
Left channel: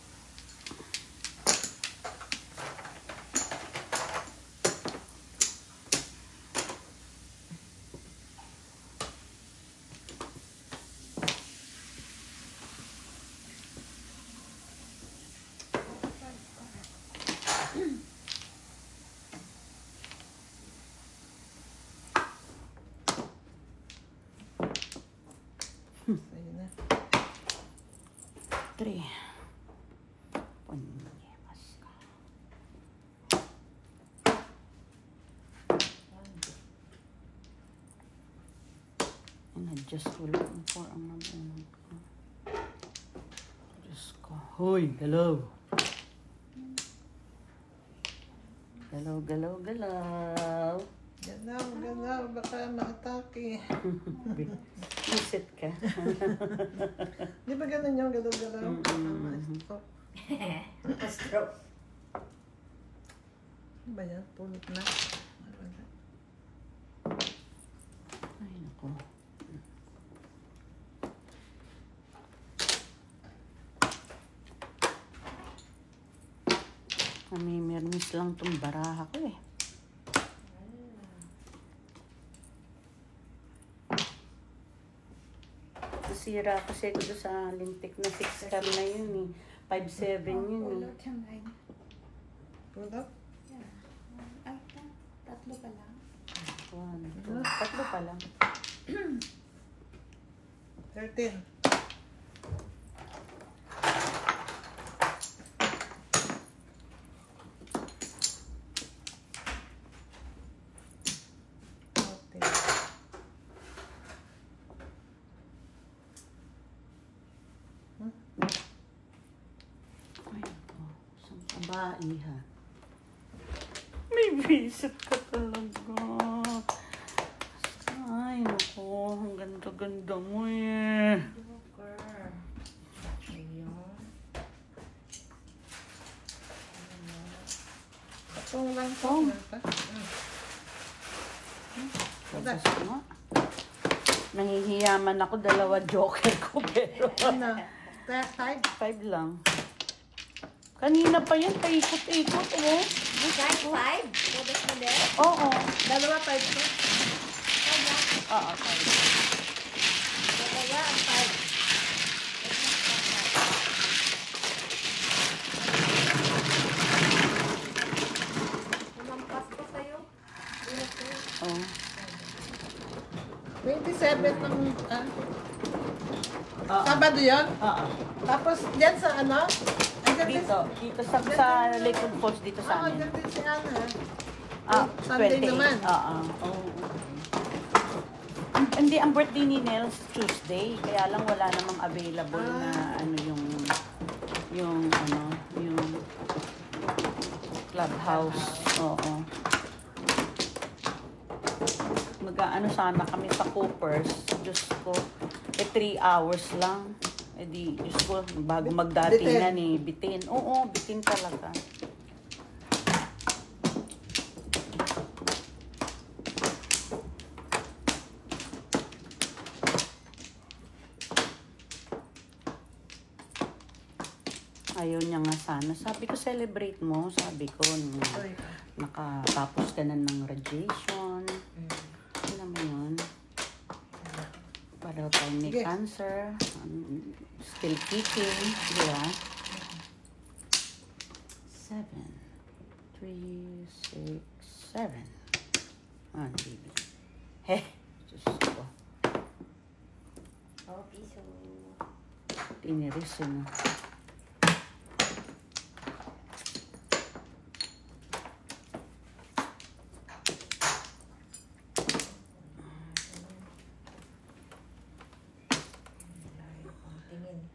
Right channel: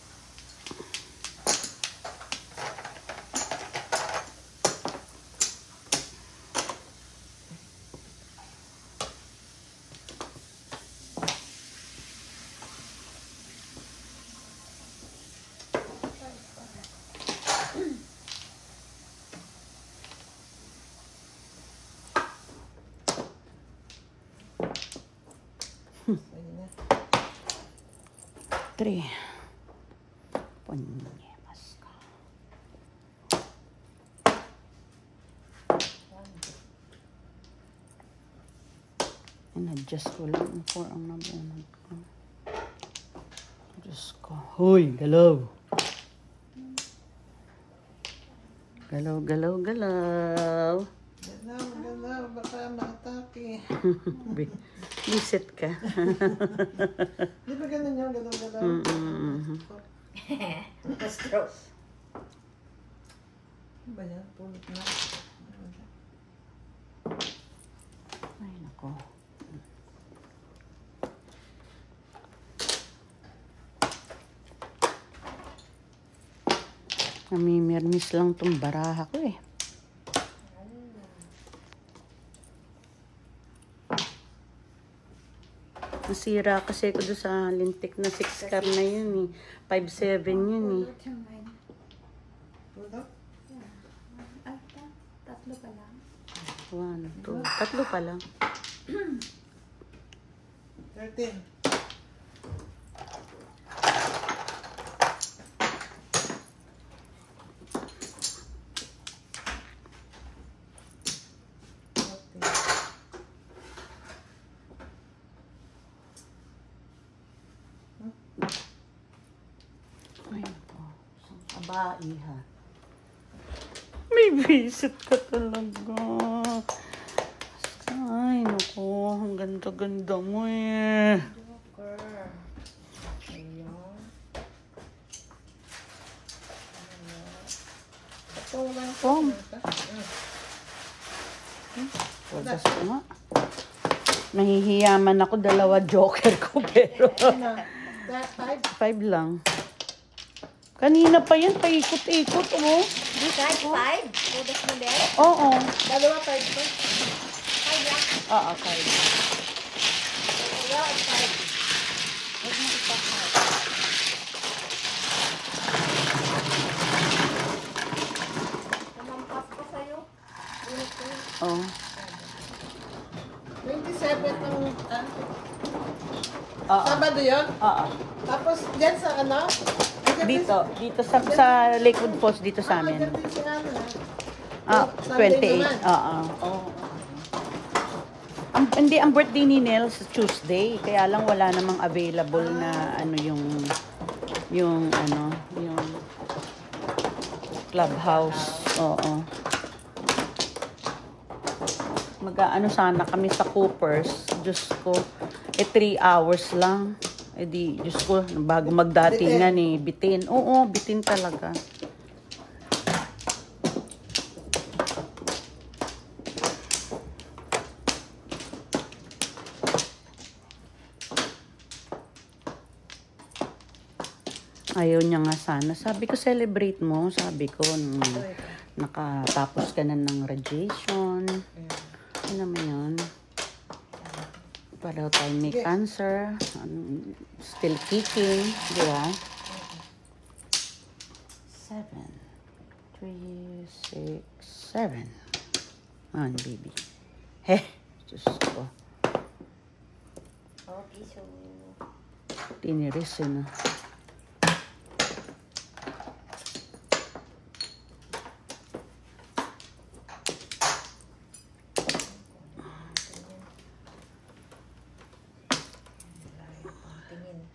3. Punyemas ka. In-adjust ko lang for ang nabunod ko. Diyos ko. Hoy, galaw. Galaw, galaw, galaw. Galaw, baka ma-atake. Visit ka. Di ba ganun yung galaw-galaw? Stroke. Ano ba yan? Pulot na. Ay, nako. Namimirmis lang tong baraha ko eh. Nasira kasi ko doon sa lintik na 6 car na yun eh. 5'7" yun eh. Pulot? Ay, tatlo pa lang. 1, 2, 3 pa lang. 13. Ay, ito. Isang kabae ha. May visit ka talaga. Ay, naku. Ang ganda-ganda mo eh. Joker. Ayun. Tulang ko. Tugas nga. Nahihiyaman ako. 2 joker ko pero Ano? 5? 5 lang. Kanina pa yan. Paikot-ikot oh. Kahit 5? Tudos na din? Oo. Dalawa 5 ko. Oo, 5. Namampas ko sa'yo. Oh. 27 ang Oo. Sabado yun. Oo. Tapos dyan sa ano? Dito sa Lakewood Falls, dito sa amin. Dyan din si ano. Ah, Sunday 28. naman. Oo. Hindi, ang birthday ni Nel sa Tuesday. Kaya lang wala namang available na ano yung clubhouse. Oo. Mag-aano sana kami sa Coopers. Diyos ko, 3 hours lang. Di, Diyos ko, bago magdatingan eh. Bitin. Oo, bitin talaga. Ayaw niya nga sana. Sabi ko, celebrate mo. Sabi ko, nakatapos ka na ng radiation. Ano mo yun? Para tayo may cancer. Still kicking. Diba? 7. 3, 6, 7. Ah, baby. Heh. Diyos ko. Okay, so... Tiniris yun. Tingin.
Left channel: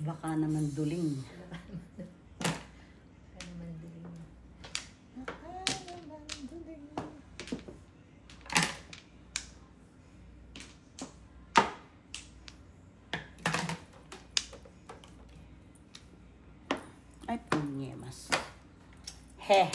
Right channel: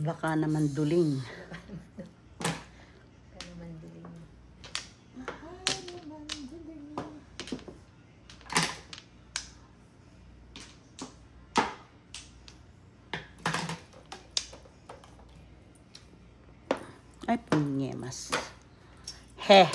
Baka naman duling. Kaya mandiling. Ay, punyemas. Heh.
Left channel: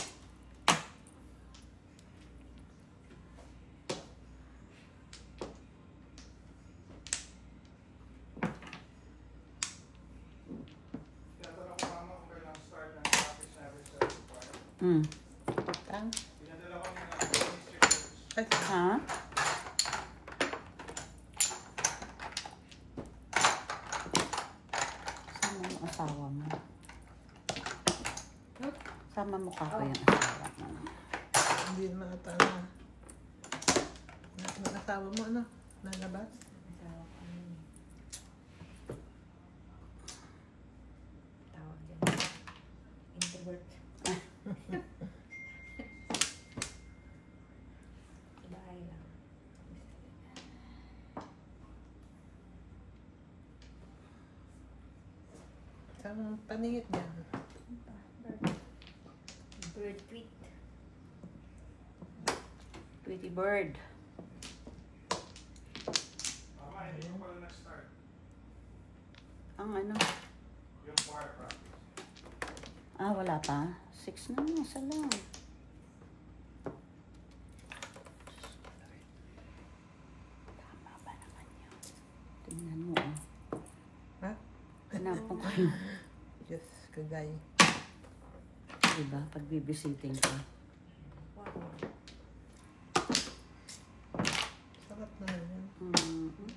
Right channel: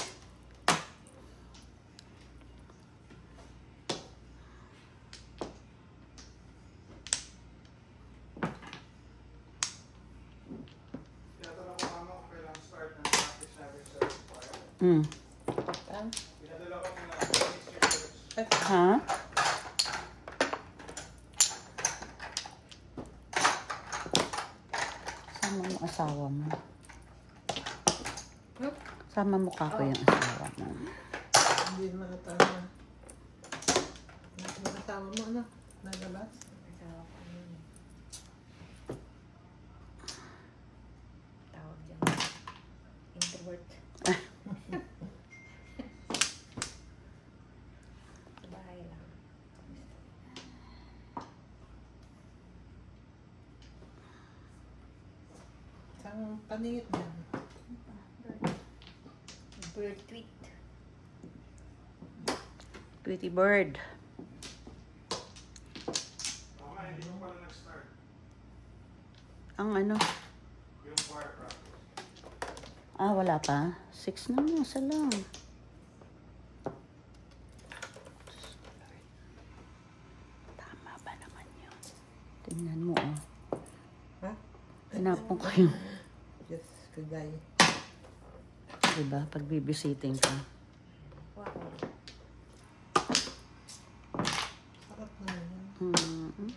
Ha? Sama mo asawa mo. Sama mo ka ko yung asawa mo. Hindi naman tama. Nakatawa mo ano? Nalabas? paningit yan. Bird tweet. Tweety bird. Okay, hindi mo pala nag-start. Ang ano? Yung choir practice. Wala pa. 6 na, isa lang. Tama ba naman yun? Tingnan mo, oh. Ha? Hanap mo ko yung, Yes, good day. diba, pag bibisiting ka. Sarap naman yan. Mm-hmm.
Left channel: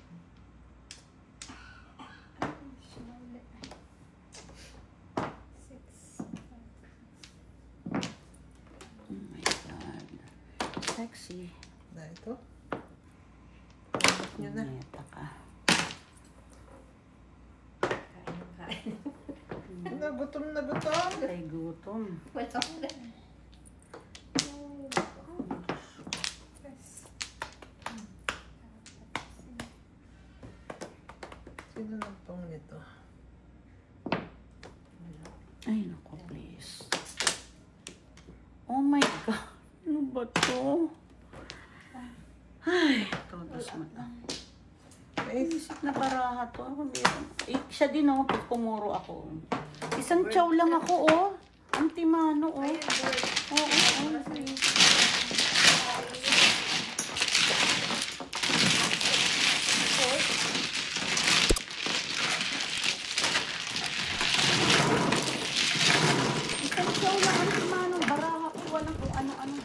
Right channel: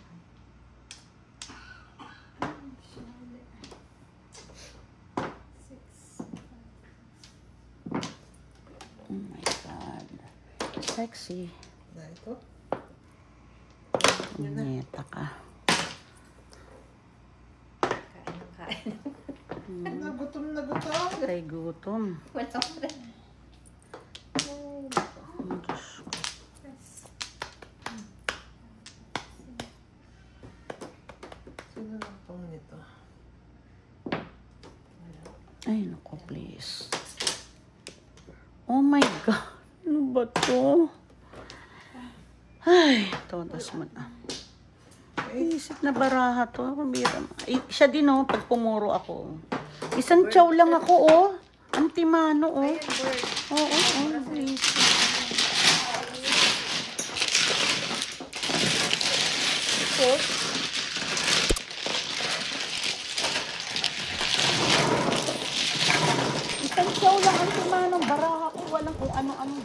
Oh my God. Sexy. Na ito? Neta ka. Kain. Nagutom na gutom. Kay gutom. Wala ko na. Sino lang pang nito? Ay, naku, please. Oh my God. Ano ba to? Ay, todos mo na. Isip na baraha to. Siya din, oh, pag pumuro ako. Isang chow lang ako, oh. Ang timano, oh. Ayan, bird. Oo, please. Isang chow lang ang timano. Baraha ko. Walang kung ano-ano.